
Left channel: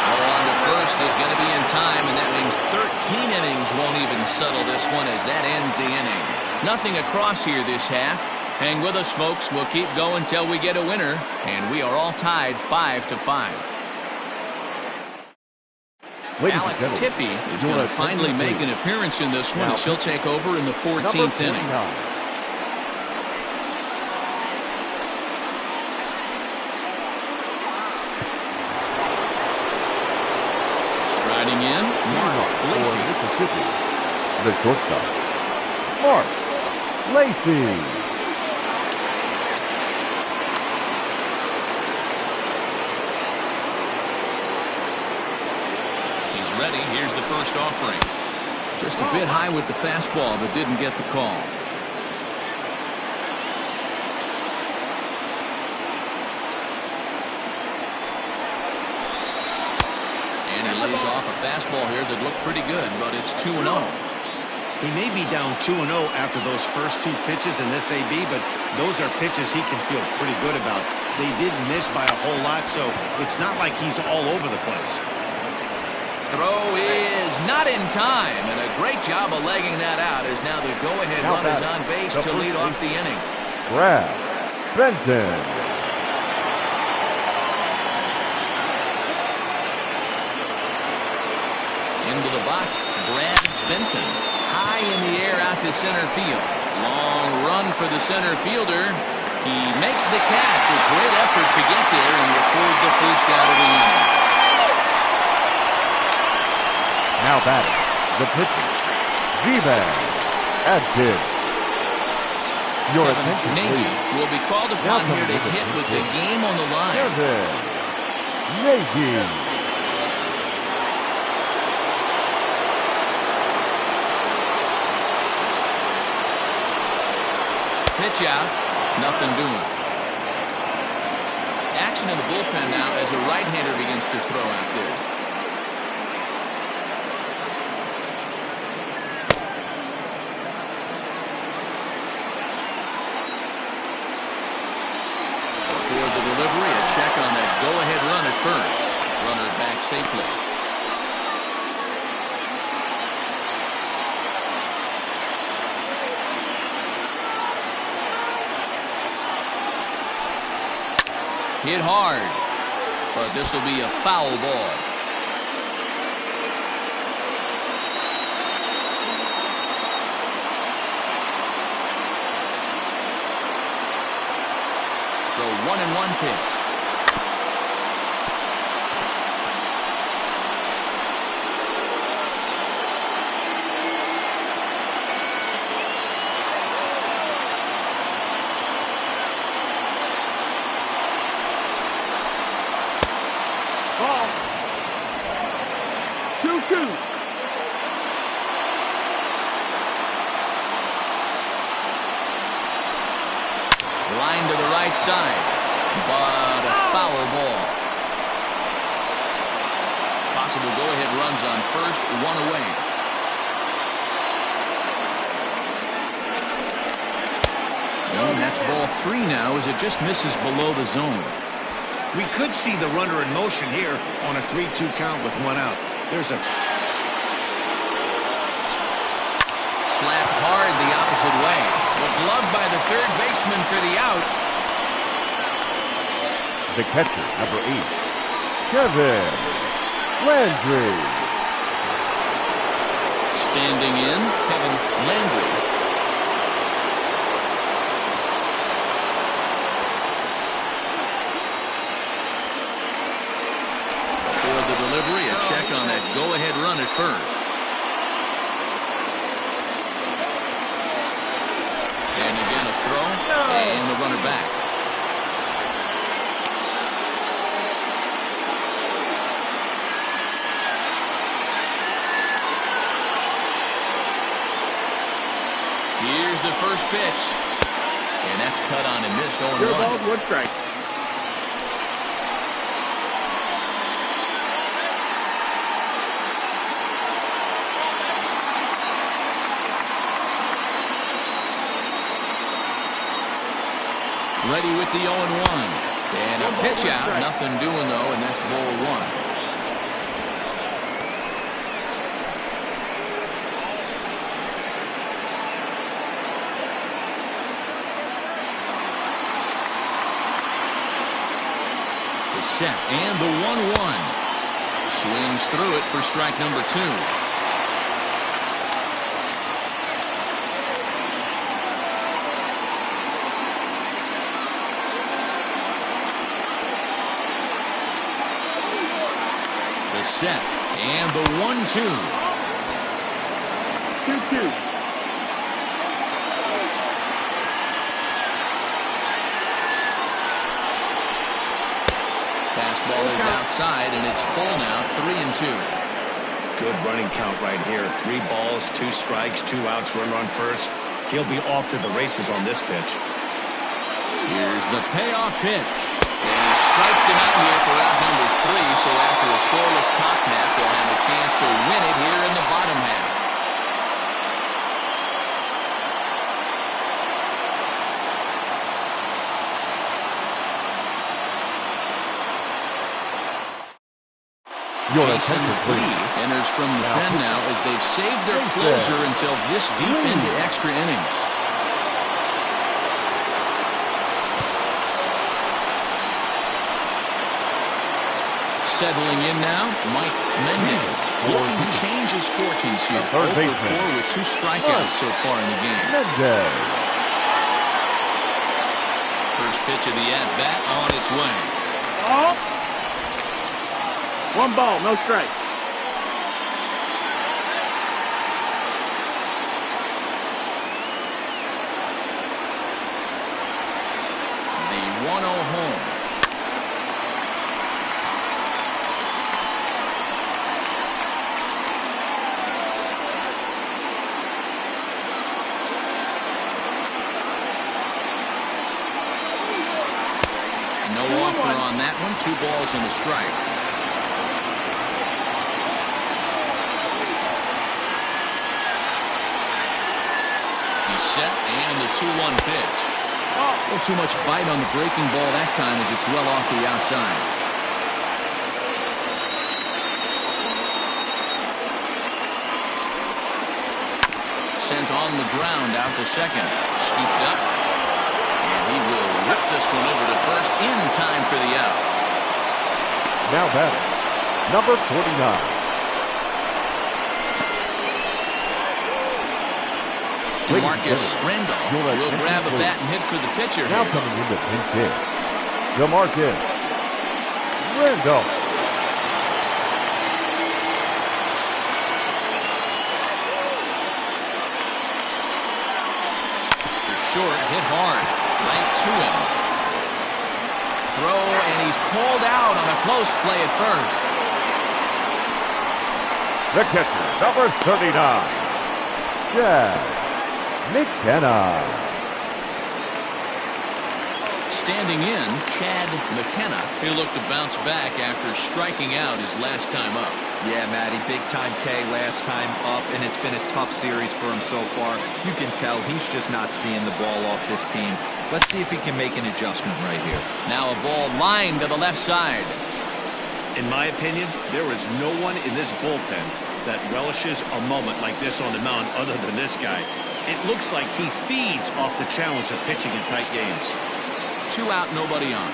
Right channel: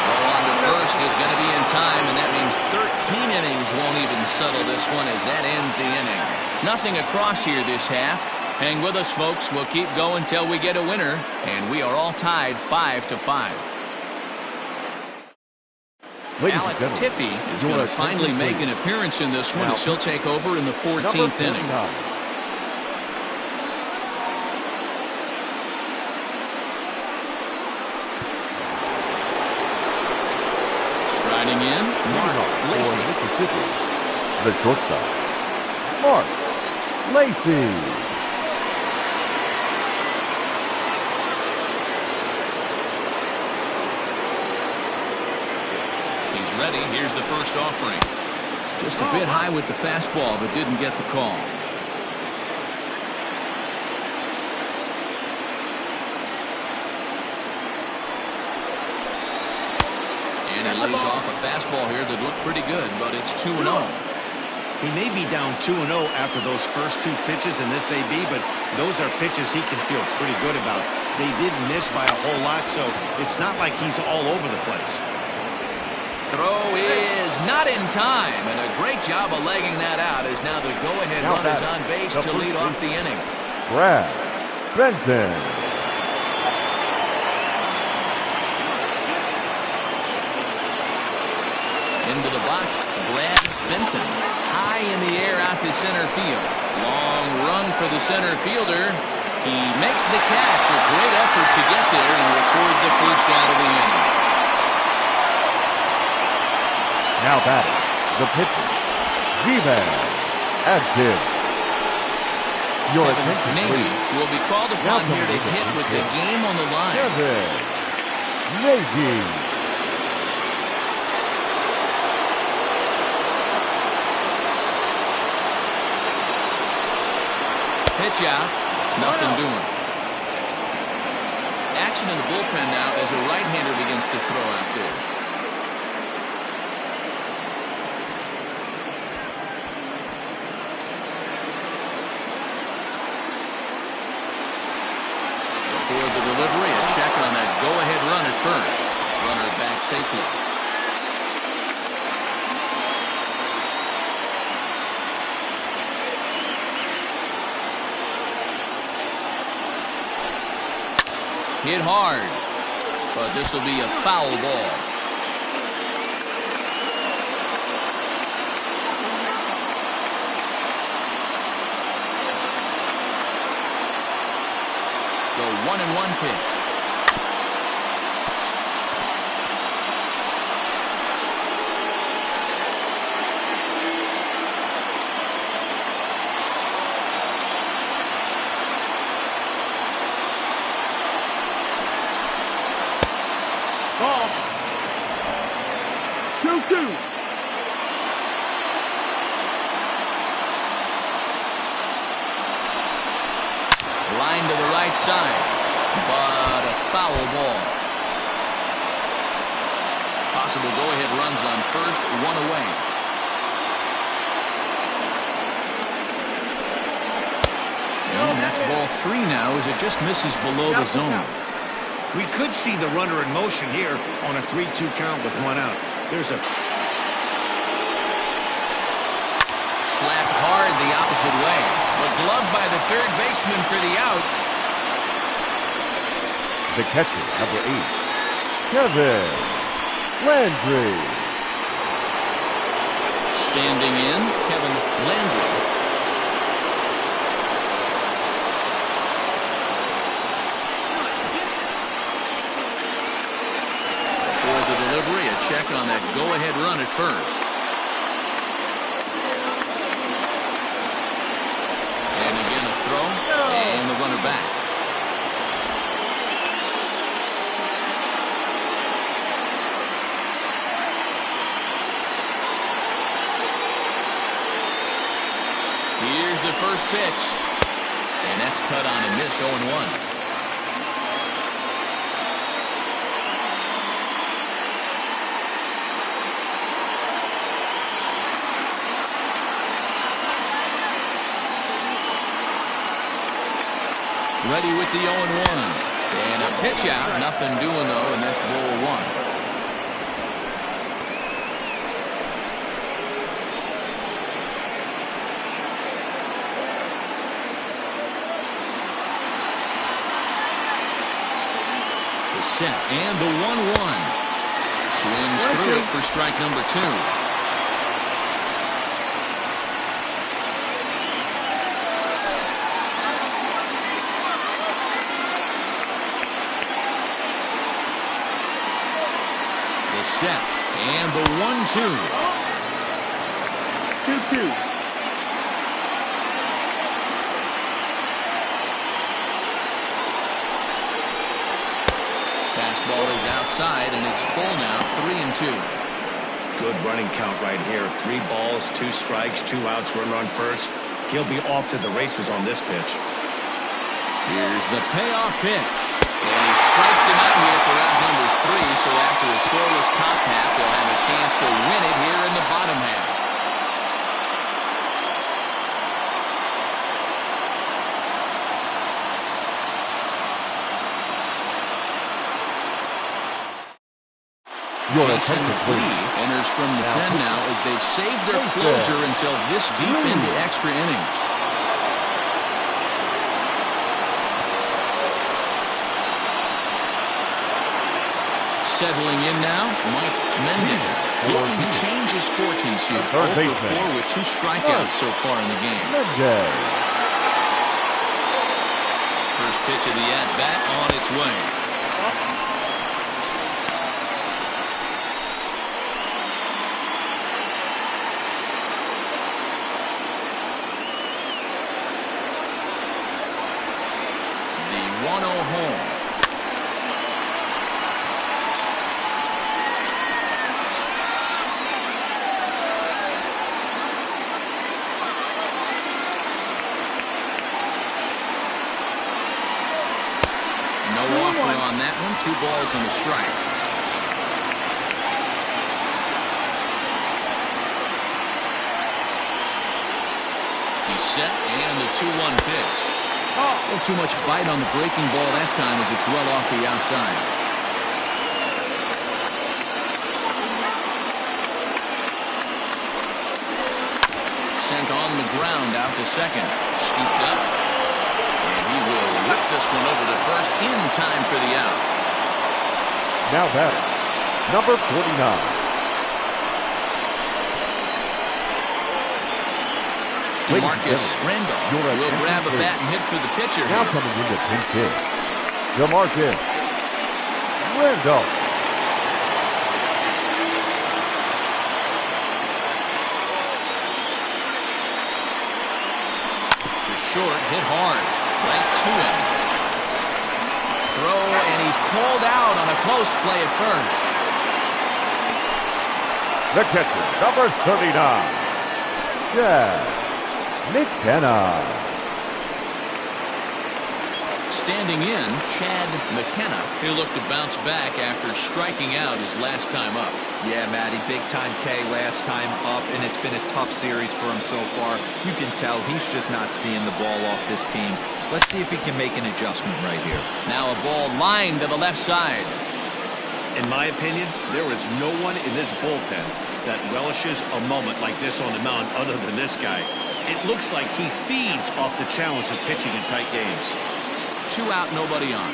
Throw on to first is going to be in time, and that means 13 innings won't even settle this one as that ends the inning. Nothing across here this half. Hang with us, folks. We'll keep going till we get a winner, and we are all tied 5-5. Alec Tiffy is going to finally make an appearance in this one as he'll take over in the 14th inning. Striding in, Mark Lacey. The shortstop, Mark Lacey. He's ready. Here's the first offering. Just a bit high with the fastball, but didn't get the call. And he lays off a fastball here that looked pretty good, but it's 2-0. He may be down 2-0 after those first 2 pitches in this AB, but those are pitches he can feel pretty good about. They did miss by a whole lot, so it's not like he's all over the place. Throw is not in time, and a great job of legging that out as now the go-ahead run is on base to lead off the inning. Brad Benton. Into the box, Brad Benton. High in the air out to center field. Long run for the center fielder. He makes the catch. A great effort to get there and record the first out of the inning. Now batting, the pitcher, V-Man Atkins. Your Kevin attention, Nagy please. will be called upon here to hit with the game on the line. Kevin Nagy. Pitch out, nothing doing. Action in the bullpen now as a right-hander begins to throw out there. Before the delivery, a check on that go-ahead run at first. Runner back safely. Hit hard, but this will be a foul ball. The 1-1 pitch. Ball. 2-2. Line to the right side, but a foul ball. Possible go-ahead runs on first, one away. And that's ball 3 now as it just misses below the zone. We could see the runner in motion here on a 3-2 count with one out. There's a slapped hard the opposite way, but gloved by the third baseman for the out. The catcher, number 8, Kevin Landry. Standing in, Kevin Landry. Before the delivery, a check on that go-ahead run at first. And again a throw, and the runner back. Here's the first pitch. And that's cut on and missed 0-1. Ready with the 0-1. And a pitch out. Nothing doing, though, and that's ball 1. The set and the 1-1. Swings through it for strike number 2. The set and the 1-2. 2-2. Fastball is outside, and it's full now, 3-2. good running count right here. 3 balls, 2 strikes, 2 outs, runner on first. He'll be off to the races on this pitch. Here's the payoff pitch. And he strikes him out here for out number 3. So after a scoreless top half, they'll have a chance to win it here in the bottom half. Your Jason attention, please. Lee enters from the Now, pen now as they've saved their closer until this deep into extra innings. Settling in now, Mike Mendez looking to change his fortunes here. 0 for 4 with 2 strikeouts so far in the game. Mendez. First pitch of the at-bat on its way. Ball. 1 ball, no strike. The 1-0 home. No offer on that one. 2 balls and a strike. He's set and the 2-1 pitch. Oh, too much bite on the breaking ball that time as it's well off the outside. Sent on the ground out to second. Scooped up. And he will whip this one over to first in time for the out. Now batting, number 49. DeMarcus Randolph will grab a bat and hit for the pitcher now here. coming into pinch hit, DeMarcus Randolph. You're short, hit hard, right to him. Throw, and he's called out on a close play at first. The catcher, number 39, Chad McKenna. Standing in, Chad McKenna. He'll look to bounce back after striking out his last time up. Yeah, Matty, big time K last time up, and it's been a tough series for him so far. You can tell he's just not seeing the ball off this team. Let's see if he can make an adjustment right here. Now a ball lined to the left side. In my opinion, there is no one in this bullpen that relishes a moment like this on the mound other than this guy. It looks like he feeds off the challenge of pitching in tight games. 2 out, nobody on.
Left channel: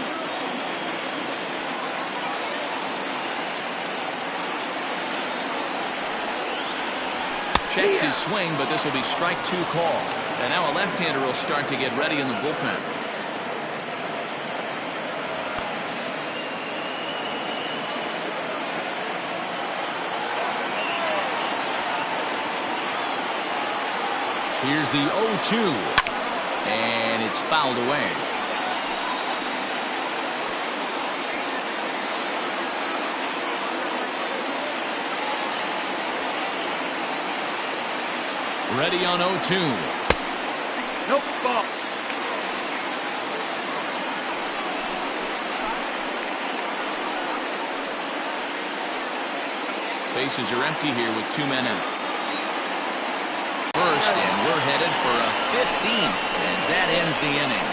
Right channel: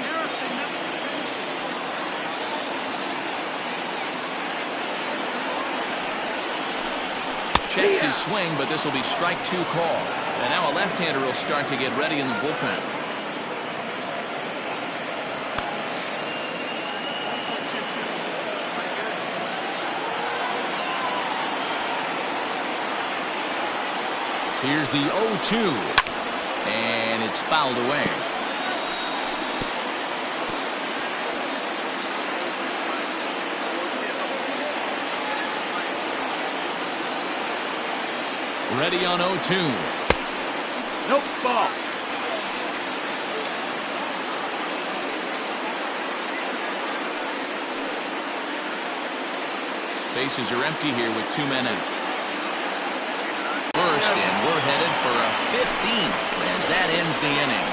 Checks his swing, but this will be strike 2 call. And now a left-hander will start to get ready in the bullpen. Here's the 0-2. And it's fouled away. Ready on 0-2. Nope, ball. Bases are empty here with 2 men out. First, and we're headed for a 15th as that ends the inning.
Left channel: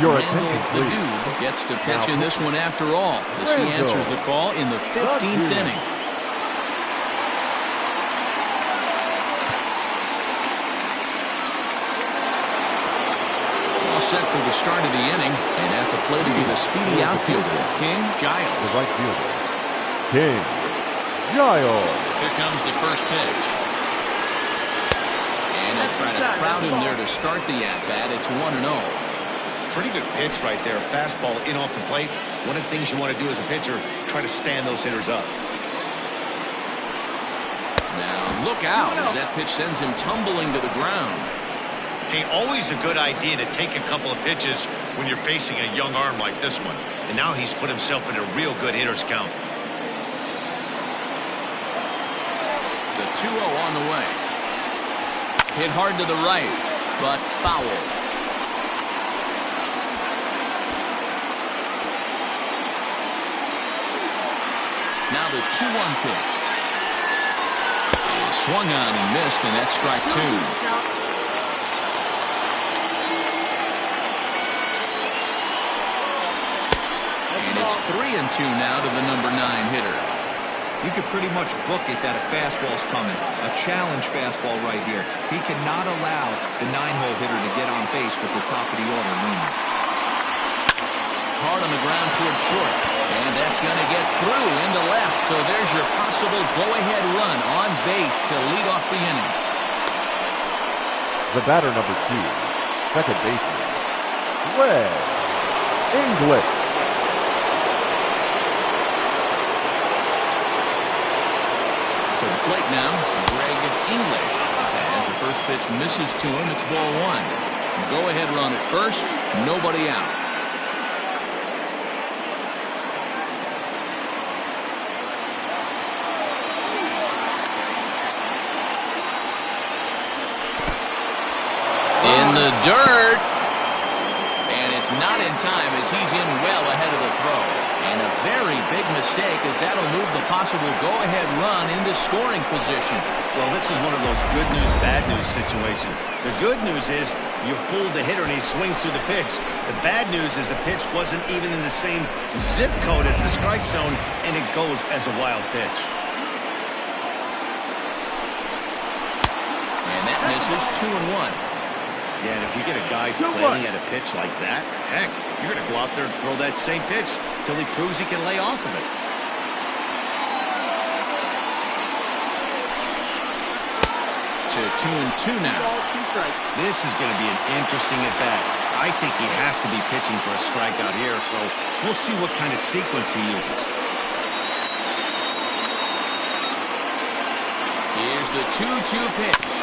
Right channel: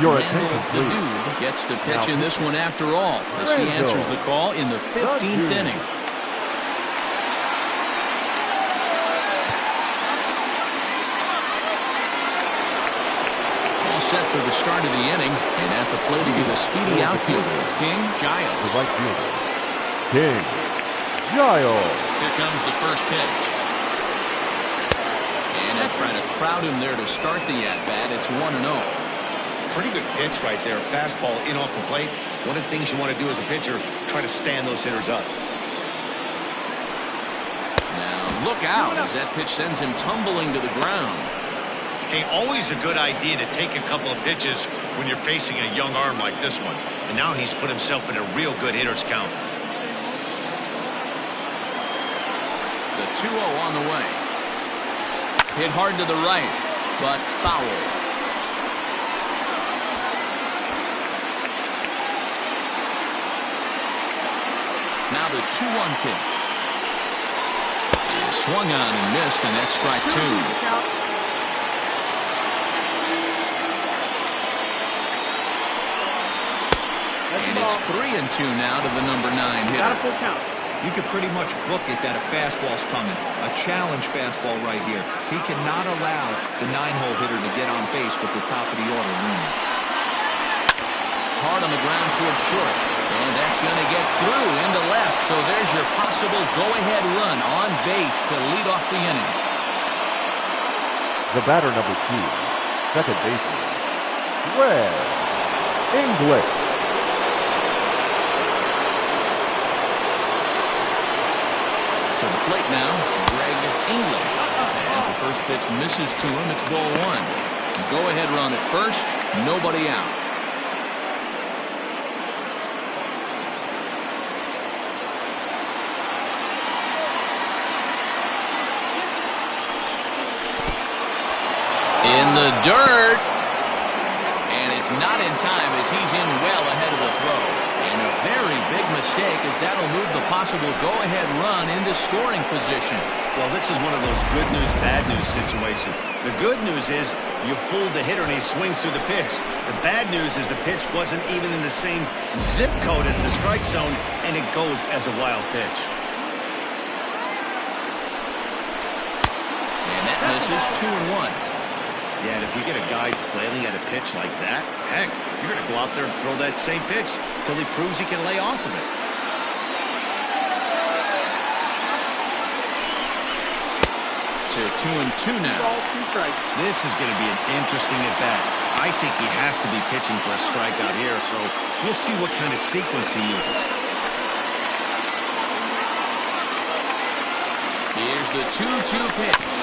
Your Randall, attention, the please. dude, gets to pitch in this one after all as he answers the call in the 15th inning. All set for the start of the inning, and at the plate will be the speedy outfielder, King Giles. The right fielder, King Giles. Here comes the first pitch. And he'll try to crowd him there to start the at-bat. It's 1-0. Pretty good pitch right there. Fastball in off the plate. One of the things you want to do as a pitcher, try to stand those hitters up. Now look out as that pitch sends him tumbling to the ground. Hey, always a good idea to take a couple of pitches when you're facing a young arm like this one. And now he's put himself in a real good hitter's count. The 2-0 on the way. Hit hard to the right, but foul. Now the 2-1 pitch. Is swung on and missed, and that's strike 2. And it's 3-2 now to the number 9 hitter. You could pretty much book it that a fastball's coming. A challenge fastball right here. He cannot allow the 9-hole hitter to get on base with the top of the order looming. Hard on the ground toward short. And that's going to get through into left. So there's your possible go-ahead run on base to lead off the inning. The batter, number 2, second baseman, Greg English. To the plate now, Greg English. As the first pitch misses to him, it's ball 1. Go-ahead run at first, nobody out. In the dirt. And it's not in time as he's in well ahead of the throw. And a very big mistake as that'll move the possible go-ahead run into scoring position. Well, this is one of those good news, bad news situation. The good news is you fooled the hitter and he swings through the pitch. The bad news is the pitch wasn't even in the same zip code as the strike zone, and it goes as a wild pitch. And that misses 2-1. Yeah, and if you get a guy flailing at a pitch like that, heck, you're going to go out there and throw that same pitch till he proves he can lay off of it. To 2-2 now. This is going to be an interesting at-bat. I think he has to be pitching for a strikeout here, so we'll see what kind of sequence he uses. Here's the 2-2 pitch.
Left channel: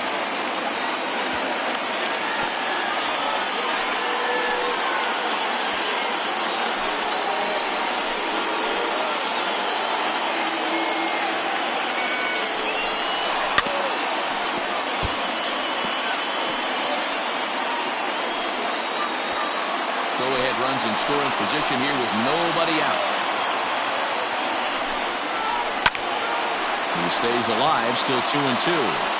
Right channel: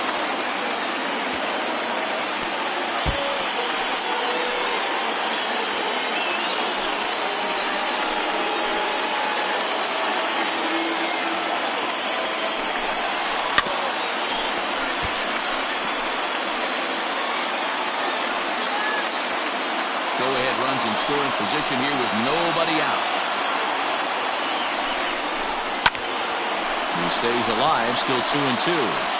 Go-ahead runs in scoring position here with nobody out. He stays alive, still 2-2.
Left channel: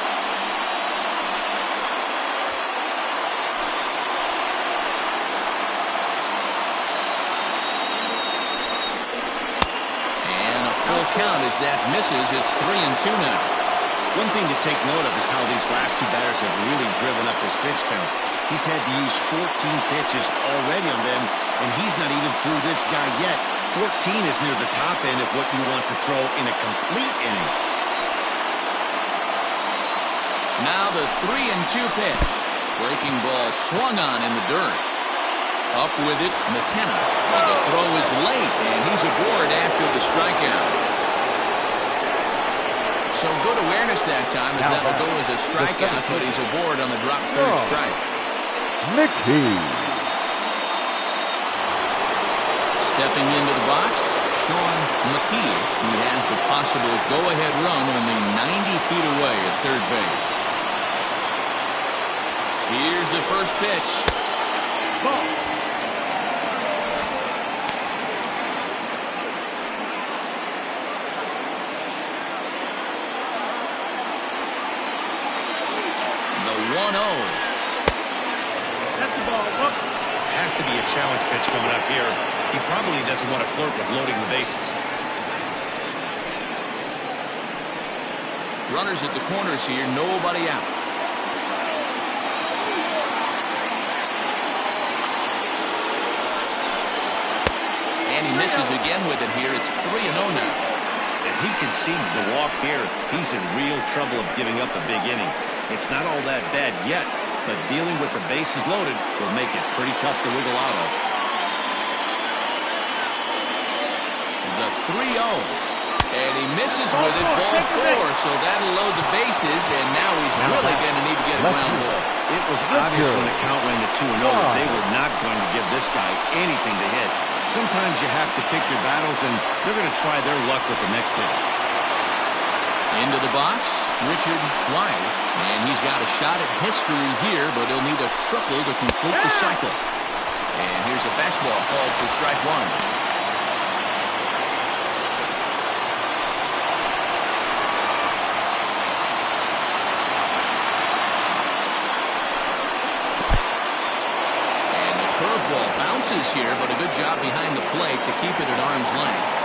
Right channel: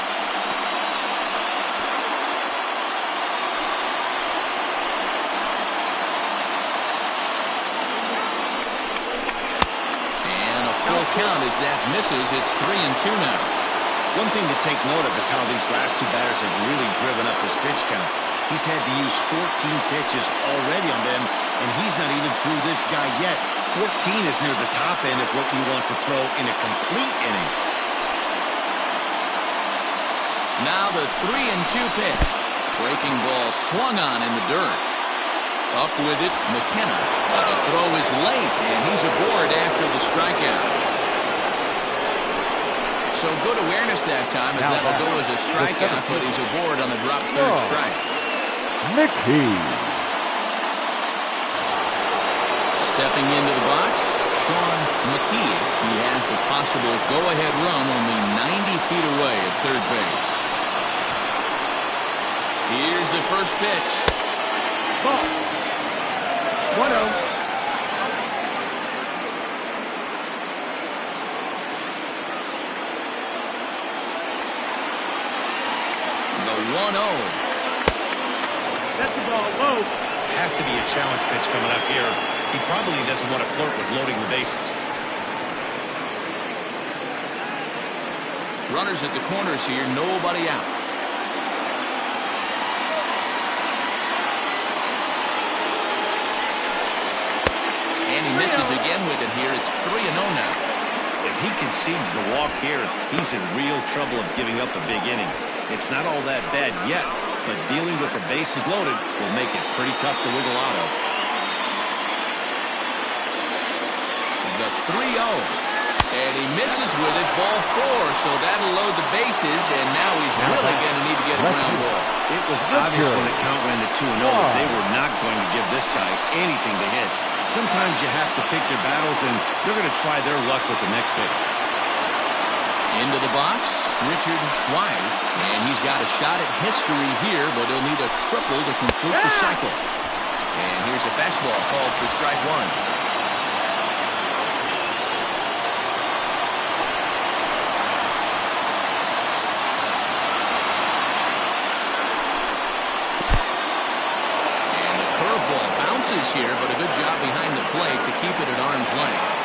Count as that misses. It's 3-2 now. One thing to take note of is how these last two batters have really driven up his pitch count. He's had to use 14 pitches already on them, and he's not even through this guy yet. 14 is near the top end of what you want to throw in a complete inning. Now the 3-2 pitch. Breaking ball swung on in the dirt. Up with it, McKenna. But the throw is late, and he's aboard after the strikeout. So good awareness that time, as that'll go as a strikeout, but he's aboard on the drop third strike. Mickey. Stepping into the box, Sean McKee. He has the possible go-ahead run only 90 feet away at third base. Here's the first pitch. Ball. 1-0. The 1-0. That's the ball low. Has to be a challenge pitch coming up here. He probably doesn't want to flirt with loading the bases. Runners at the corners here, nobody out. And he misses again with it here. It's 3-0 now. If he concedes the walk here, he's in real trouble of giving up a big inning. It's not all that bad yet, but dealing with the bases loaded will make it pretty tough to wiggle out of. The 3-0. And he misses with it, ball 4, so that'll load the bases, and now he's really going to need to get a ground ball. It was obvious when the count ran to 2-0 that they were not going to give this guy anything to hit. Sometimes you have to pick your battles, and they're going to try their luck with the next hit. Into the box, Richard Wise, and he's got a shot at history here, but he'll need a triple to complete the cycle. And here's a fastball called for strike one. And the curveball bounces here, but a good job behind the plate to keep it at arm's length.